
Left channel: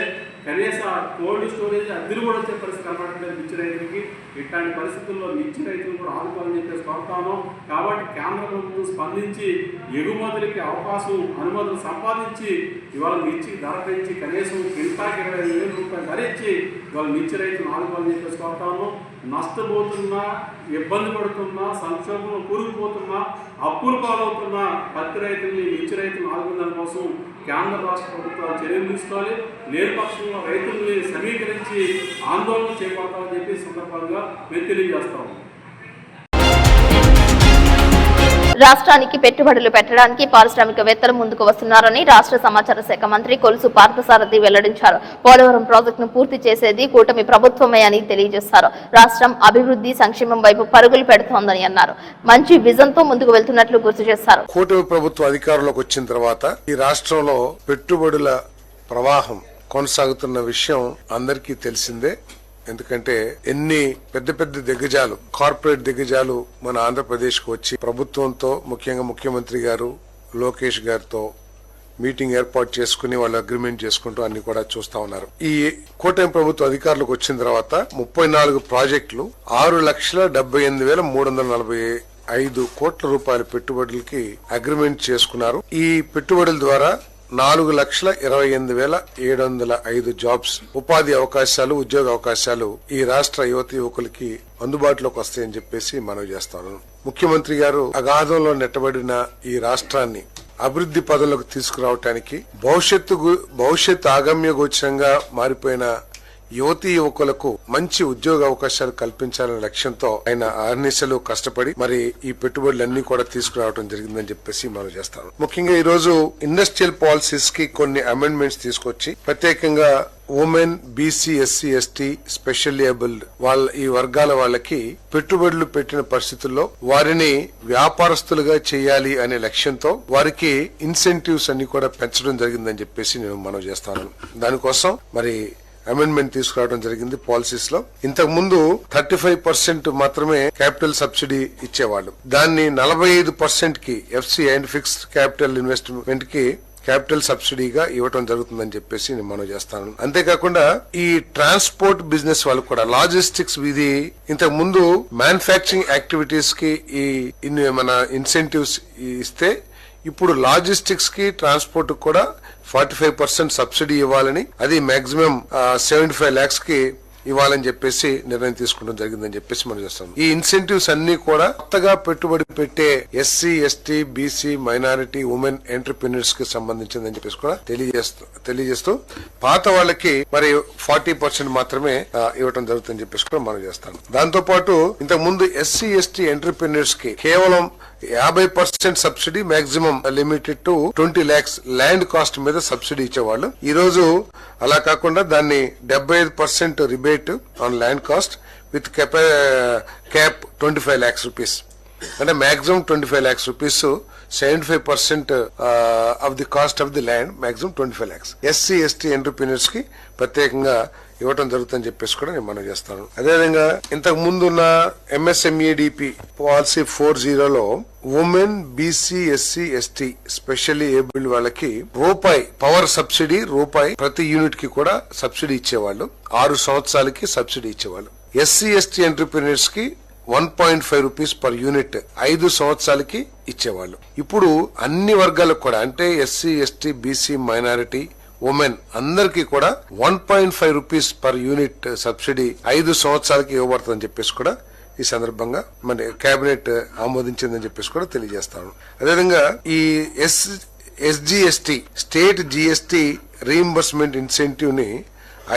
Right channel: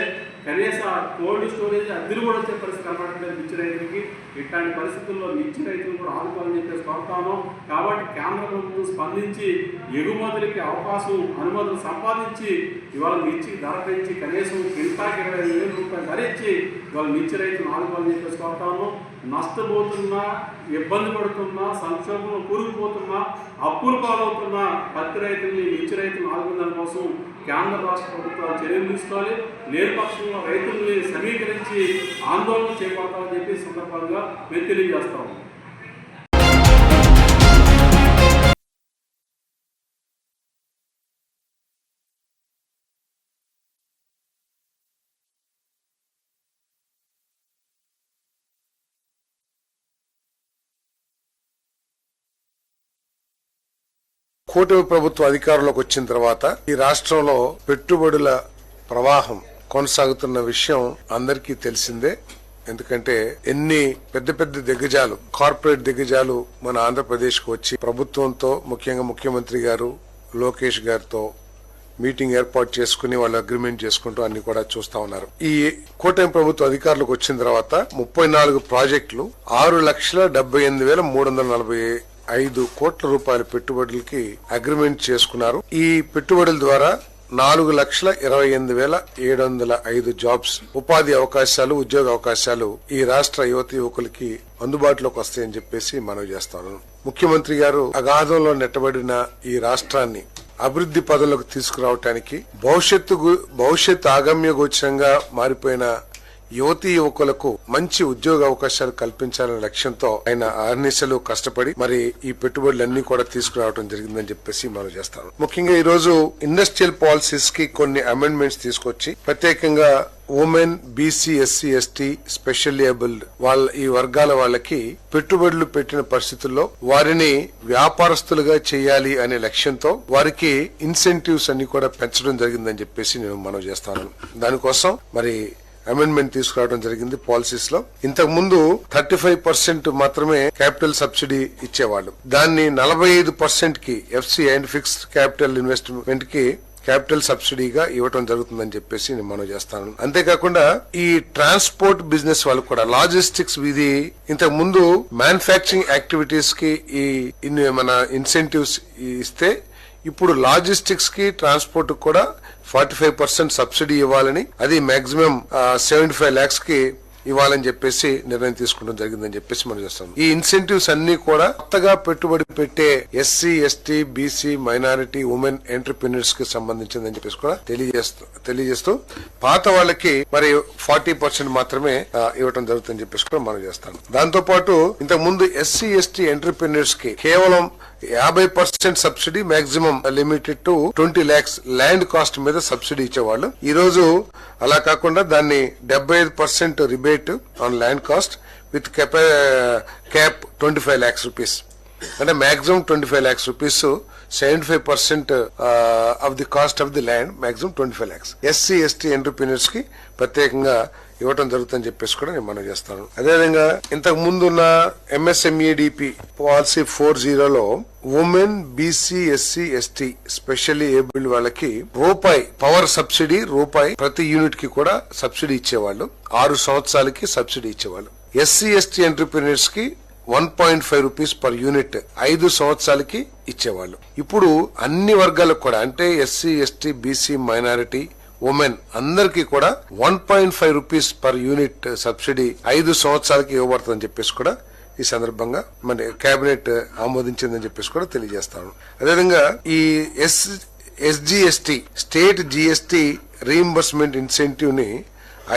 కనీసం కోల్డ్ స్టోరేజ్ అద్దెలు కూడా వచ్చే పరిస్థితి కనబడట్లేదు మిర్చి రైతులకి. ఇట్లాంటి పరిస్థితుల్లో మిర్చి రైతులు కూడా ఆదుకోవాలని చెప్పేసి కోరుతాము. కాబట్టి కేంద్ర ప్రభుత్వం స్పందించి ఎగుమతులకి అవకాశం, అనుమతులు సంపాదించి ఇవాళ మిర్చికి ధర పెంచి కనీసం క్వింటాల్కి 25,000 రూపాయలు ధర ఇచ్చి ఇవాళ మిర్చి రైతులు ఆదుకోవాలని చెప్పేసి కోరుతాము. నష్టపోతున్నా, ఇబ్బంది పడుతున్నా, సంక్షోభంలో కూరుకుపోతున్నా, అప్పులు పాలవుతున్నా పత్తి రైతుల్ని, మిర్చి రైతులను ఆదుకునే కోసం కేంద్ర రాష్ట్ర ప్రభుత్వాలు చర్యలు తీసుకోవాలి. లేని పక్షంలో రైతుల్ని సమీకరించి ఆందోళన చేపడతామని చెప్పి సందర్భంగా మేము తెలియజేస్తాము. రాష్ట్రానికి పెట్టుబడులు పెట్టడానికి పారిశ్రామికవేత్తలు ముందుకు వస్తున్నారని రాష్ట్ర సమాచార శాఖ మంత్రి కొలుసు పార్థసారథి వెల్లడించారు. పోలవరం ప్రాజెక్టును పూర్తి చేసేది కూటమి ప్రభుత్వమే అని తెలియజేశారు. రాష్ట్రం అభివృద్ధి, సంక్షేమం వైపు పరుగులు పెడుతోందని అన్నారు. మంచి విజన్ తో ముందుకు వెళ్తున్నట్లు గుర్తు చేశారు. కూటమి ప్రభుత్వం అధికారంలోకి వచ్చిన తర్వాత ఈ రాష్ట్రంలో పెట్టుబడుల ప్రవాహం కొనసాగుతున్న విషయం అందరికీ తెలిసిందే. ఎందుకంటే ఎన్ని పెద్ద పెద్ద దిగ్గజాలు, కార్పొరేట్ దిగ్గజాలు మన ఆంధ్రప్రదేశ్ కు వచ్చి ప్రభుత్వంతో, ముఖ్యంగా ముఖ్యమంత్రి గారు లోకేష్ గారితో మీటింగ్ ఏర్పాటు చేసుకుని వాళ్ళు అగ్రిమెంట్ చేసుకుంటూ అన్ని కూడా చూస్తా ఉన్నారు. ఈ కూటమి ప్రభుత్వం అధికారులకు వచ్చిన తర్వాత 34 ప్రాజెక్టులు 6,78,345 5 కోట్ల రూపాయల పెట్టుబడులకి అగ్రిమెంట్ చేసుకున్నారు. ఈ పెట్టుబడుల ద్వారా 4,28,705 జాబ్స్, ఉపాధి అవకాశాలు, ఉద్యోగ అవకాశాలు ఈ రాష్ట్ర యువత యువకులకి అందుబాటులోకి వస్తాయని చెప్పేసి మనవి చేస్తాను. ముఖ్యమంత్రి గారు అగాధంలో నెట్టబడిన ఈ రాష్ట్రాన్ని అభివృద్ధి పదంలోకి తీసుకురావటానికి భవిష్యత్తు ఆగమ్య గోచరంగా మారిపోయిన యువతీ యువకులకు మంచి ఉద్యోగ అవకాశాలు కల్పించాలనే లక్ష్యంతో ఆయన అహర్నిశలు కష్టపడి మరి ఈ పెట్టుబడులన్నీ కూడా తీసుకురావడం జరిగిందని చెప్పేసి మనం చేస్తాం. ముఖ్యంగా ఈ రోజు ఇండస్ట్రియల్ పాలసీస్ కి కొన్ని అమెండ్మెంట్స్ తీసుకొచ్చి ప్రత్యేకంగా women, BC, SC, ST, specially abled ఈ వర్గాల వాళ్ళకి పెట్టుబడులు పెట్టిన పరిస్థితుల్లో వారిని వ్యాపారస్తులుగా చేయాలి అనే లక్ష్యంతో వారికి ఇన్సెంటివ్స్ అన్ని కూడా పెంచడం జరిగిందని చెప్పేసి నేను మనవి చేస్తాను. దానికోసం మరి అమెండ్మెంట్ తీసుకురావడం జరిగింది పాలసీస్ లో. ఇంతకు ముందు 35% మాత్రమే క్యాపిటల్ సబ్సిడీ ఇచ్చేవాళ్ళు. దాన్ని 45% కి FC and fixed capital investment కి క్యాపిటల్ సబ్సిడీగా ఇవ్వడం జరుగుతుందని చెప్పేసి నేను మనవి చేస్తాను. అంతేకాకుండా ఈ ట్రాన్స్పోర్ట్ బిజినెస్ వాళ్ళు కూడా లాజిస్టిక్స్ ఇది ఇంతకు ముందు మ్యానుఫ్యాక్చరింగ్ యాక్టివిటీస్ కి మన ఇన్సెంటివ్స్ ఇస్తే ఇప్పుడు లాజిస్టిక్స్ కి ట్రాన్స్పోర్ట్ కూడా 45% సబ్సిడీ ఇవ్వాలని, అది మాక్సిమం 75 lakhs కి ఇవ్వాలని చెప్పేసి నిర్ణయం తీసుకోవడం జరిగిందని చెప్పేసి మనం చేస్తాం. ఈ ఇన్సెంటివ్స్ అన్ని కూడా కొత్తగా పెట్టుబడి పెట్టే SC, ST, BC, minority, women entrepreneurs కి సంబంధించిందని చెప్పేసి కూడా తెలియజేస్తూ పాత వాళ్ళకి మరి 40% మాత్రమే ఇవ్వడం జరుగుతుందని చెప్పేసి కూడా మనం చేస్తాం. దాంతో పాటు ఇంతకు ముందు ఎస్సీ, ఎస్టీ ఎంటర్‌ప్రెన్యూర్స్ కి కేవలం 50% subsidy, maximum limited to 20 lakhs land cost మీద సబ్సిడీ ఇచ్చేవాళ్ళు. ఈ రోజు అలా కాకుండా దాన్ని 75% rebate on land cost with cap 25 lakhs rupees. అంటే maximum 25 lakhs rupees, 75% of the cost of the land, maximum 25 lakhs. SC, ST entrepreneurs కి ప్రత్యేకంగా ఇవ్వటం జరుగుతుందని చెప్పేసి కూడా నేను మనం చేస్తాను. అదేవిధంగా ఇంతకు ముందున్న MSMEDP పాలసీ 40లో women, BC, SC, ST, specially abled వాళ్ళకి రూపాయి పవర్ సబ్సిడీ, రూపాయి ప్రతి యూనిట్ కి కూడా సబ్సిడీ ఇచ్చేవాళ్ళు. 6 సంవత్సరాలకి సబ్సిడీ ఇచ్చేవాళ్ళు. ఎస్సీ, ఎస్టీ ఎంటర్‌ప్రెన్యూర్స్ కి 1.5 rupees పర్ యూనిట్ 5 సంవత్సరాలకి ఇచ్చేవాళ్ళు. ఇప్పుడు అన్ని వర్గాలకు కూడా అంటే SC, ST, BC, minority, women అందరికీ కూడా 1.5 rupees పర్ యూనిట్ సబ్సిడీ 5 సంవత్సరాలకి ఇవ్వబడుతుందని చెప్పేసి కూడా ఈ సందర్భంగా మన కేబినెట్ ఆమోదించిందని చెప్పేసి కూడా తెలియజేస్తాను. అదేవిధంగా ఈ SGST state GST reimbursement incentive ని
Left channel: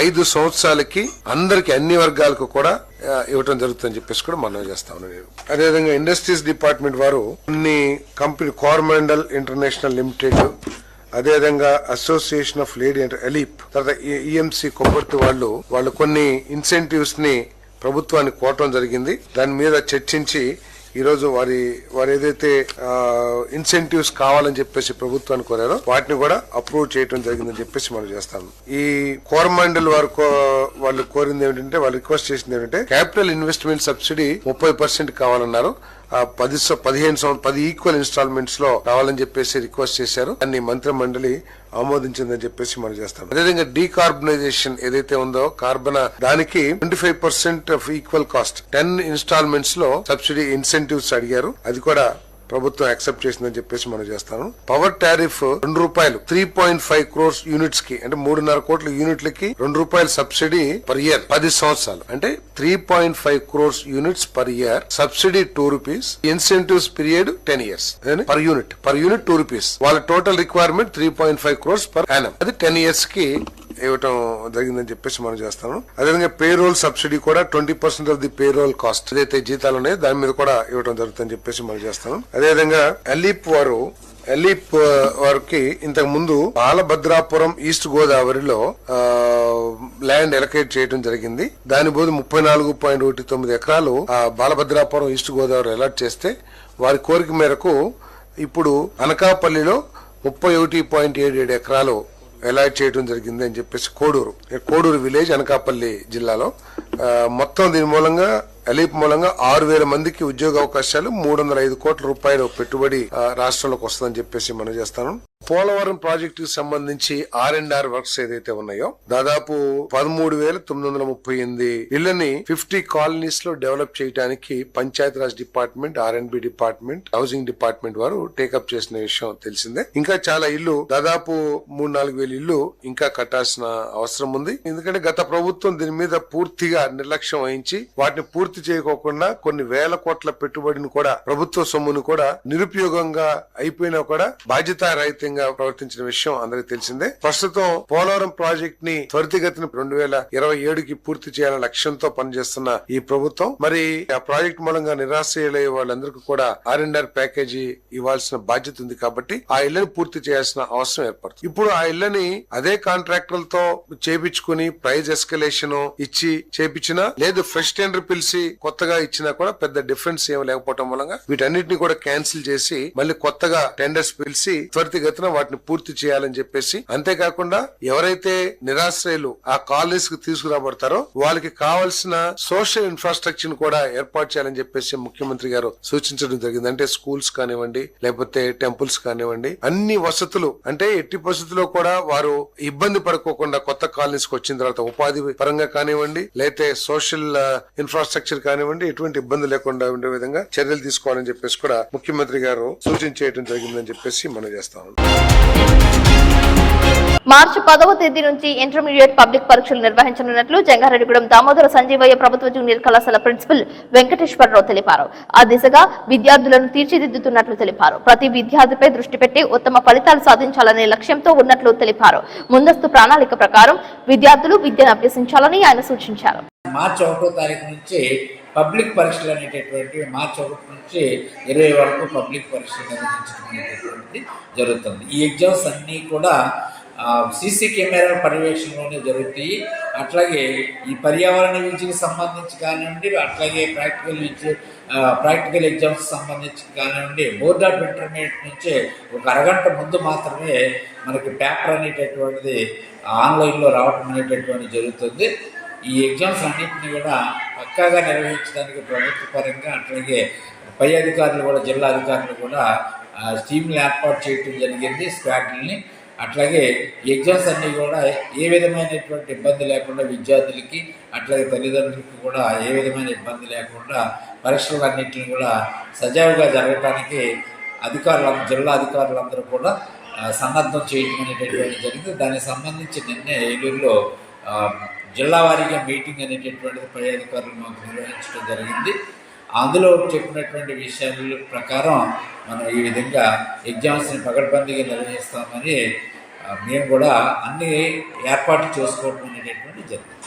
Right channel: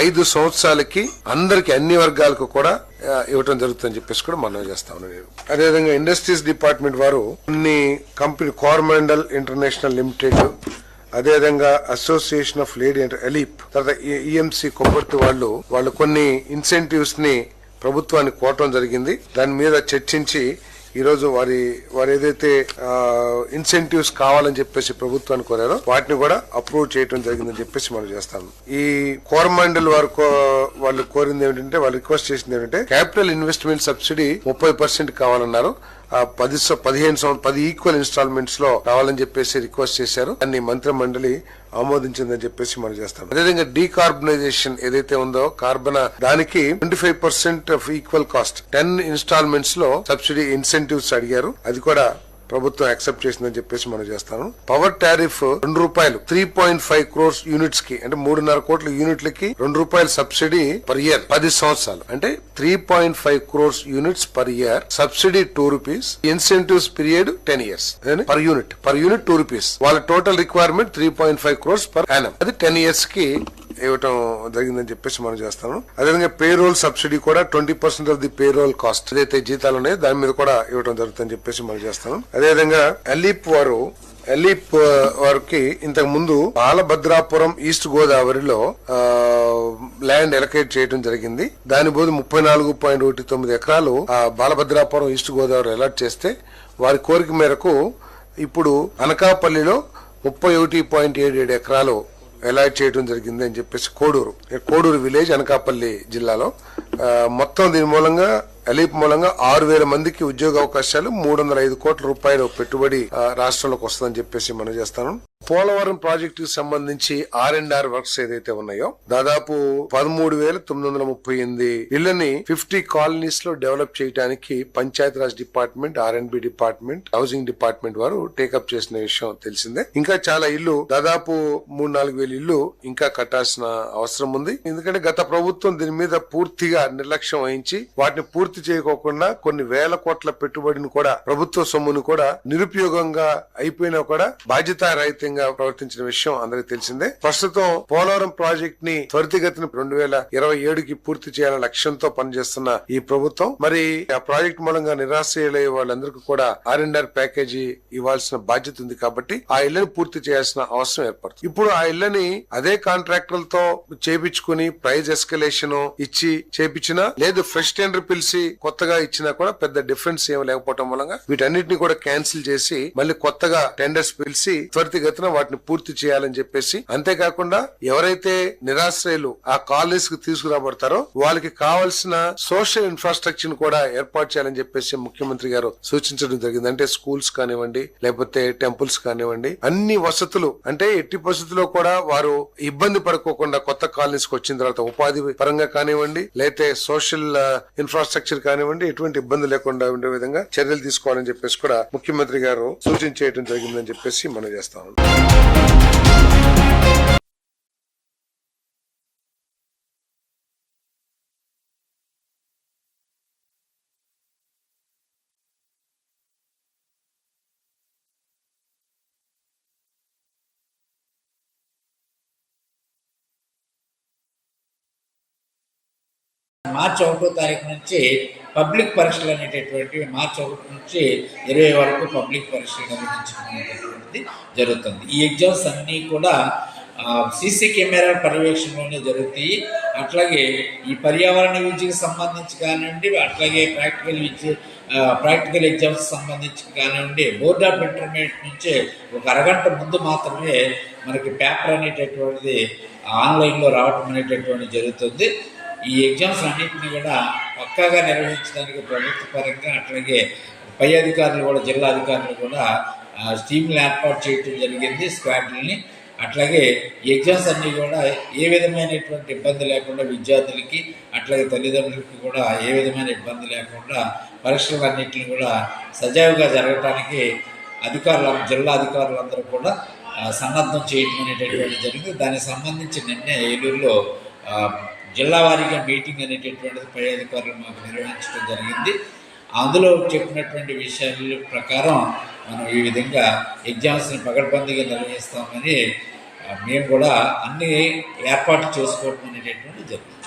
5 సంవత్సరాలకి అందరికి అన్ని వర్గాలకు కూడా ఇవ్వటం జరుగుతుందని చెప్పేసి కూడా మనం చేస్తా ఉన్నాను. అదేవిధంగా ఇండస్ట్రీస్ డిపార్ట్మెంట్ వారు కొన్ని కంపెనీ కోరమాండల్ ఇంటర్నేషనల్ లిమిటెడ్, అదేవిధంగా అసోసియేషన్ ఆఫ్ లేడీ ఎలీప్, తర్వాత EMC కొబ్బర్తి వాళ్ళు కొన్ని ఇన్సెంటివ్స్ ని ప్రభుత్వానికి కోరటం జరిగింది. దాని మీద చర్చించి ఈ రోజు వారి ఏదైతే ఇన్సెంటివ్స్ కావాలని చెప్పేసి ప్రభుత్వాన్ని కోరారో వాటిని కూడా అప్రూవ్ చేయడం జరిగిందని చెప్పేసి మనం చేస్తాం. ఈ కోరమాండల్ వాళ్ళు కోరింది ఏమిటంటే, వాళ్ళు రిక్వెస్ట్ చేసింది ఏమిటంటే క్యాపిటల్ ఇన్వెస్ట్మెంట్ సబ్సిడీ 30% కావాలన్నారు. 10 ఈక్వల్ ఇన్స్టాల్మెంట్స్ లో కావాలని చెప్పేసి రిక్వెస్ట్ చేశారు. దాన్ని మంత్రి మండలి ఆమోదించిందని చెప్పేసి మనం చేస్తాం. అదేవిధంగా డీకార్బనైజేషన్ ఏదైతే ఉందో కార్బన్, దానికి 25% ఆఫ్ ఈక్వల్ కాస్ట్ 10 ఇన్స్టాల్మెంట్స్ లో సబ్సిడీ ఇన్సెంటివ్స్ అడిగారు. అది కూడా ప్రభుత్వం యాక్సెప్ట్ చేసిందని చెప్పేసి మనం చేస్తాను. పవర్ టారిఫ్ ₹2 3.5 crores యూనిట్స్ కి అంటే 3.5 కోట్ల యూనిట్లకి ₹2 సబ్సిడీ పర్ ఇయర్ 10 సంవత్సరాలు అంటే 3.5 crores units per year subsidy ₹2, incentives period 10 years per unit ₹2. వాళ్ళ total requirement 3.5 crores per annum, అది 10 years కి ఇవ్వటం జరిగిందని చెప్పేసి మనం చేస్తాను. అదేవిధంగా పేరోల్ సబ్సిడీ కూడా 20% ఆఫ్ ది పేరోల్ కాస్ట్ ఏదైతే జీతాలు ఉన్నాయో దాని మీద కూడా ఇవ్వడం జరుగుతుందని చెప్పేసి మనం చేస్తాం. అదేవిధంగా ఎలీప్ వారికి ఇంతకు ముందు బాలభద్రాపురం ఈస్ట్ గోదావరిలో ల్యాండ్ ఎలకేట్ చేయడం జరిగింది. దాని బోధ 34.19 ఎకరాలు బాలభద్రాపురం ఈస్ట్ గోదావరి అలాట్ చేస్తే వారి కోరిక మేరకు ఇప్పుడు అనకాపల్లిలో 31.77 ఎకరాలు అలాట్ చేయడం జరిగింది అని చెప్పేసి కోడూరు విలేజ్ అనకాపల్లి జిల్లాలో మొత్తం దీని మూలంగా ఎలీప్ మూలంగా 6,000 మందికి ఉద్యోగ అవకాశాలు, 305 కోట్ల రూపాయలు పెట్టుబడి రాష్ట్రంలోకి వస్తుందని చెప్పేసి మనం చేస్తాను. పోలవరం ప్రాజెక్టు సంబంధించి R&R వర్క్స్ ఏదైతే ఉన్నాయో దాదాపు 13,938 ఇళ్లని 50 కాలనీస్ లో డెవలప్ చేయడానికి Panchayati Raj department, R&B department, housing department వారు టేకప్ చేసిన విషయం తెలిసిందే. ఇంకా చాలా ఇల్లు దాదాపు 3-4 వేల ఇల్లు ఇంకా కట్టాల్సిన అవసరం ఉంది. ఎందుకంటే గత ప్రభుత్వం దీని మీద పూర్తిగా నిర్లక్ష్యం వహించి వాటిని పూర్తి చేయకోకుండా కొన్ని వేల కోట్ల పెట్టుబడిని కూడా, ప్రభుత్వ సొమ్మును కూడా నిరుపయోగంగా అయిపోయినా కూడా బాధ్యతారహితంగా ప్రవర్తించిన విషయం అందరికీ తెలిసిందే. ప్రస్తుతం పోలవరం ప్రాజెక్ట్ ని త్వరితగతిన 2027కి పూర్తి చేయాలనే లక్ష్యంతో పనిచేస్తున్న ఈ ప్రభుత్వం మరి ఆ ప్రాజెక్ట్ మూలంగా నిరాశ్రయులయ్యే వాళ్ళందరికీ కూడా R&R ప్యాకేజీ ఇవ్వాల్సిన బాధ్యత ఉంది. కాబట్టి ఆ ఇళ్లను పూర్తి చేయాల్సిన అవసరం ఏర్పడుతుంది. ఇప్పుడు ఆ ఇళ్లని అదే కాంట్రాక్టర్లతో చేపించుకుని ప్రైజ్ ఎస్కలేషన్ ఇచ్చి చేపించినా లేదు, ఫ్రెష్ టెండర్ పిలిచి కొత్తగా ఇచ్చినా కూడా పెద్ద డిఫరెన్స్ ఏమి లేకపోవడం మూలంగా వీటన్నిటిని కూడా క్యాన్సిల్ చేసి మళ్ళీ కొత్తగా టెండర్స్ పిలిచి త్వరితగతిన వాటిని పూర్తి చేయాలని చెప్పేసి, అంతేకాకుండా ఎవరైతే నిరాశ్రయులు ఆ కాలనీస్ కు తీసుకురాబడతారో వాళ్ళకి కావాల్సిన సోషల్ ఇన్ఫ్రాస్ట్రక్చర్ కూడా ఏర్పాటు చేయాలని చెప్పేసి ముఖ్యమంత్రి గారు సూచించడం జరిగింది. అంటే స్కూల్స్ కానివ్వండి, లేకపోతే టెంపుల్స్ కానివ్వండి, అన్ని వసతులు అంటే ఎట్టి పరిస్థితుల్లో కూడా వారు ఇబ్బంది పడుకోకుండా కొత్త కాలనీస్ కు వచ్చిన తర్వాత ఉపాధి పరంగా కానివ్వండి, లేకపోతే సోషల్ ఇన్ఫ్రాస్ట్రక్చర్ కానివ్వండి, ఎటువంటి ఇబ్బంది లేకుండా ఉండే విధంగా చర్యలు తీసుకోవాలని చెప్పేసి కూడా ముఖ్యమంత్రి గారు సూచించేయడం జరిగిందని చెప్పేసి మనం చేస్తాం. మార్చి 10వ తేదీ నుంచి ఇంటర్మీడియట్ పబ్లిక్ పరీక్షలు నిర్వహించనున్నట్లు జంగారెడ్డిగూడెం దామోదర సంజీవయ్య ప్రభుత్వ జూనియర్ కళాశాల ప్రిన్సిపల్ వెంకటేశ్వరరావు తెలిపారు. ఆ దిశగా విద్యార్థులను తీర్చిదిద్దుతున్నట్లు తెలిపారు. ప్రతి విద్యార్థిపై దృష్టి పెట్టి ఉత్తమ ఫలితాలు సాధించాలనే లక్ష్యంతో ఉన్నట్లు తెలిపారు. ముందస్తు ప్రణాళిక ప్రకారం విద్యార్థులు విద్యను అభ్యసించాలని ఆయన సూచించారు. మార్చి 1వ తారీఖు నుంచి పబ్లిక్ పరీక్షలు అనేటటువంటివి మార్చి 1 నుంచి 20 వరకు పబ్లిక్ పరీక్షలు నిర్వహించడం అనేటటువంటిది జరుగుతుంది. ఈ ఎగ్జామ్స్ అన్నీ కూడా సీసీ కెమెరాల పర్యవేక్షణలోనే జరుగుతాయి. అట్లాగే ఈ పర్యావరణ విద్యకు సంబంధించి కానివ్వండి, అట్లాగే ప్రాక్టికల్ ఎగ్జామ్స్ సంబంధించి కానివ్వండి, బోర్డ్ ఆఫ్ ఇంటర్మీడియట్ నుంచే ఒక అరగంట ముందు మాత్రమే మనకి పేపర్ అనేటటువంటిది ఆన్లైన్లో రావటం అనేటటువంటిది జరుగుతుంది. ఈ ఎగ్జామ్స్ అన్నింటినీ కూడా పక్కాగా నిర్వహించడానికి ప్రభుత్వ పరంగా అట్లాగే పై అధికారులు కూడా, జిల్లా అధికారులు కూడా టీంలు ఏర్పాటు చేయడం జరిగింది, స్క్వాడ్లని. అట్లాగే ఎగ్జామ్స్ అన్నీ కూడా ఏ విధమైనటువంటి ఇబ్బంది లేకుండా విద్యార్థులకి అట్లాగే తల్లిదండ్రులకి కూడా ఏ విధమైన ఇబ్బంది లేకుండా పరీక్షలన్నింటినీ కూడా సజావుగా జరగటానికి జిల్లా అధికారులందరూ కూడా సన్నద్ధం చేయటం అనేటటువంటి జరిగింది. దానికి సంబంధించి నిన్నే ఏలూరులో జిల్లా వారీగా మీటింగ్ అనేటటువంటిది పై అధికారులు మాకు నిర్వహించడం జరిగింది. అందులో చెప్పినటువంటి విషయాల ప్రకారం మనం ఈ విధంగా ఎగ్జామ్స్ని పకడ్బందీగా నిర్వహిస్తామని మేము కూడా అన్ని ఏర్పాట్లు చేసుకోవడం అనేటటువంటి జరిగింది.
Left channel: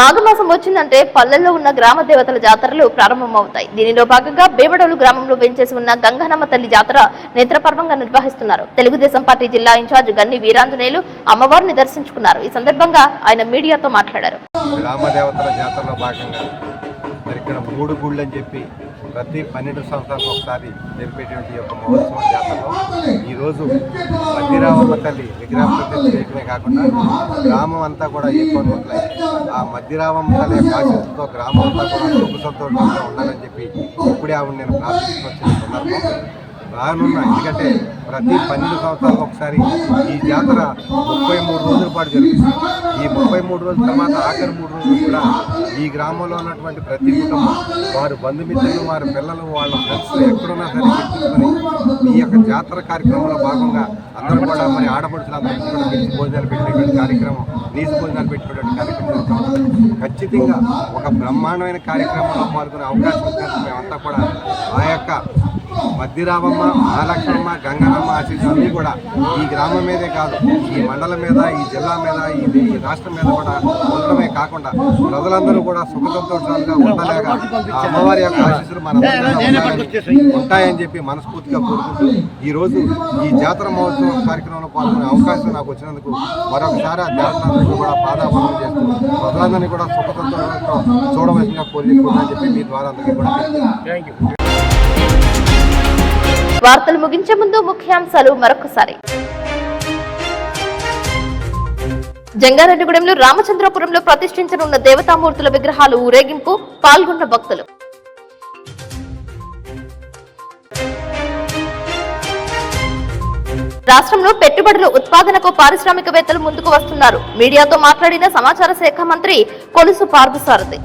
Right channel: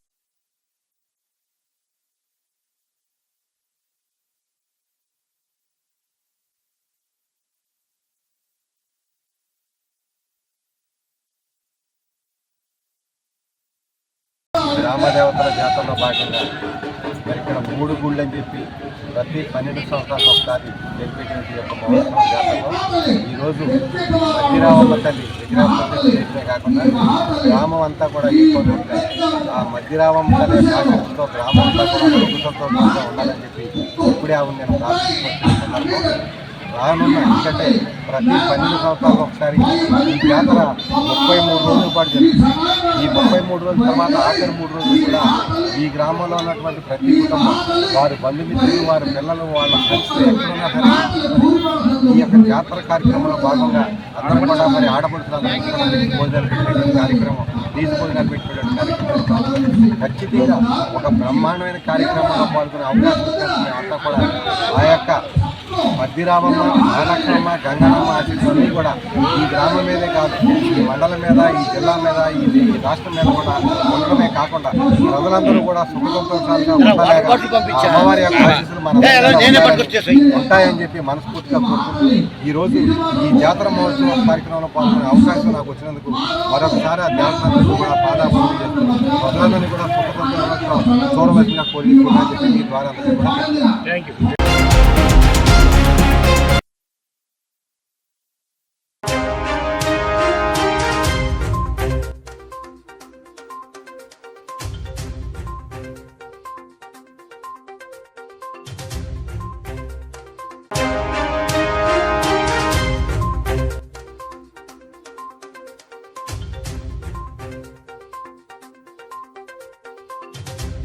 మాఘమాసం వచ్చిందంటే పల్లెల్లో ఉన్న గ్రామ దేవతల జాతరలు ప్రారంభమవుతాయి. దీనిలో భాగంగా బేబడోలు గ్రామంలో వెంచేసి ఉన్న గంగనమ్మ తల్లి జాతర నేత్రపర్వంగా నిర్వహిస్తున్నారు. తెలుగుదేశం పార్టీ జిల్లా ఇన్ఛార్జ్ గన్ని వీరాంజనేయులు అమ్మవారిని దర్శించుకున్నారు. ఈ సందర్భంగా ఆయన మీడియాతో మాట్లాడారు. గ్రామ దేవతల జాతరలో భాగంగా ఇక్కడ 3 గుళ్ళు అని చెప్పి ప్రతి 12 సంవత్సరాలకు ఒకసారి జరిపేటువంటి యొక్క మహోత్సవం జాతరలో ఈరోజు మధ్యరామమ్మ తల్లి విగ్రహమే కాకుండా గ్రామం అంతా కూడా ఎక్కువ ఉంటాయి. ఆ మధ్యరామమ్మ తల్లి ఆశీస్సుతో గ్రామం అంతా కూడా ప్రభుత్వంతో ఉండాలని చెప్పి ఇప్పుడే ఆవిడ నేను ప్రార్థించుకొచ్చిన సందర్భం రానున్న. ఎందుకంటే ప్రతి 12 సంవత్సరాలకు ఒకసారి ఈ జాతర 33 రోజుల పాటు జరుగుతుంది. ఈ 33 రోజుల తర్వాత ఆఖరి 3 రోజులు కూడా ఈ గ్రామంలో ఉన్నటువంటి ప్రతి కుటుంబం వారి బంధుమిత్రులు, వారి పిల్లలు, వాళ్ళ ఫ్రెండ్స్ ఎక్కడున్నా సరే ఈ యొక్క జాతర కార్యక్రమంలో భాగంగా అందరూ కూడా మరి ఆడపడుచులందరికీ కూడా నీటి భోజనాలు పెట్టేటువంటి కార్యక్రమం, నీటి భోజనాలు పెట్టేటువంటి కార్యక్రమం ఖచ్చితంగా ఒక బ్రహ్మాండమైన కార్యక్రమంలో పాల్గొనే అవకాశం ఉంటుంది. మేమంతా కూడా ఆ యొక్క మధ్యరామమ్మ, మహాలక్ష్మమ్మ, గంగనమ్మ ఆశీస్సులన్నీ కూడా ఈ గ్రామం మీదే కాదు, ఈ మండలం మీద, ఈ జిల్లా మీద, ఈ రాష్ట్రం మీద కూడా ఉండడమే కాకుండా ప్రజలందరూ కూడా సుఖ సంతోషాలుగా ఉండలేక అమ్మవారి యొక్క ఆశీస్సులు మన ఉంటాయని చెప్పి మనస్ఫూర్తిగా కోరుకుంటూ ఈరోజు ఈ జాతర మహోత్సవ కార్యక్రమంలో పాల్గొనే అవకాశం నాకు వచ్చినందుకు మరొకసారి ఆ దేవతలందరూ కూడా పాదాపూజలు చేస్తూ ప్రజలందరినీ కూడా సుఖ సంతోషాలతో చూడవలసిన కోరుకుంటున్నాను చెప్పి మీ ద్వారా అందరికీ కూడా థ్యాంక్ యూ. వార్తలు ముగించే ముందు ముఖ్యాంశాలు మరొకసారి. జంగారెడ్డిగూడెంలో రామచంద్రపురంలో ప్రతిష్ఠించనున్న దేవతామూర్తుల విగ్రహాలు ఊరేగింపు, పాల్గొన్న భక్తులు. రాష్ట్రంలో పెట్టుబడుల ఉత్పాదనకు పారిశ్రామికవేత్తలు ముందుకు వస్తున్నారు. మీడియాతో మాట్లాడిన సమాచార శాఖ మంత్రి కొలుసు పార్థసారథి.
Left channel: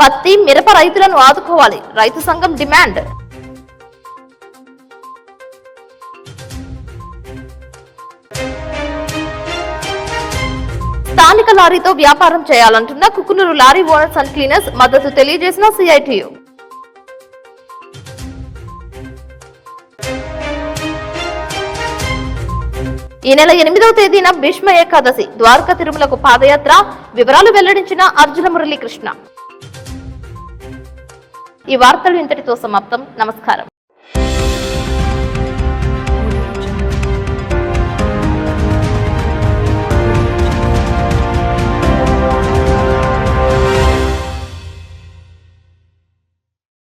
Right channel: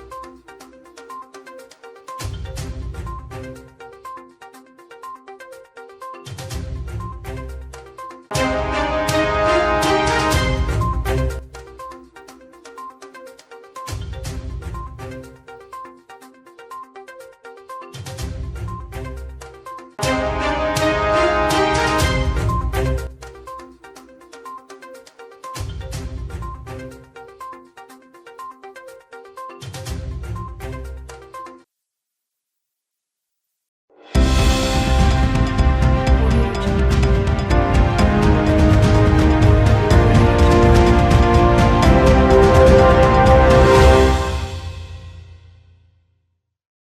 పత్తి, మిరప రైతులను ఆదుకోవాలి, రైతు సంఘం డిమాండ్. స్థానిక లారీతో వ్యాపారం చేయాలంటున్న Kukunoor lorry owners and cleaners మద్దతు తెలియజేసిన సిఐటియు. ఈ నెల 8వ తేదీన భీష్మ ఏకాదశి, ద్వారకా తిరుమలకు పాదయాత్ర. వివరాలు వెల్లడించిన అర్జున మురళీకృష్ణ. ఈ వార్తలు ఇంతటితో సమాప్తం. నమస్కారం.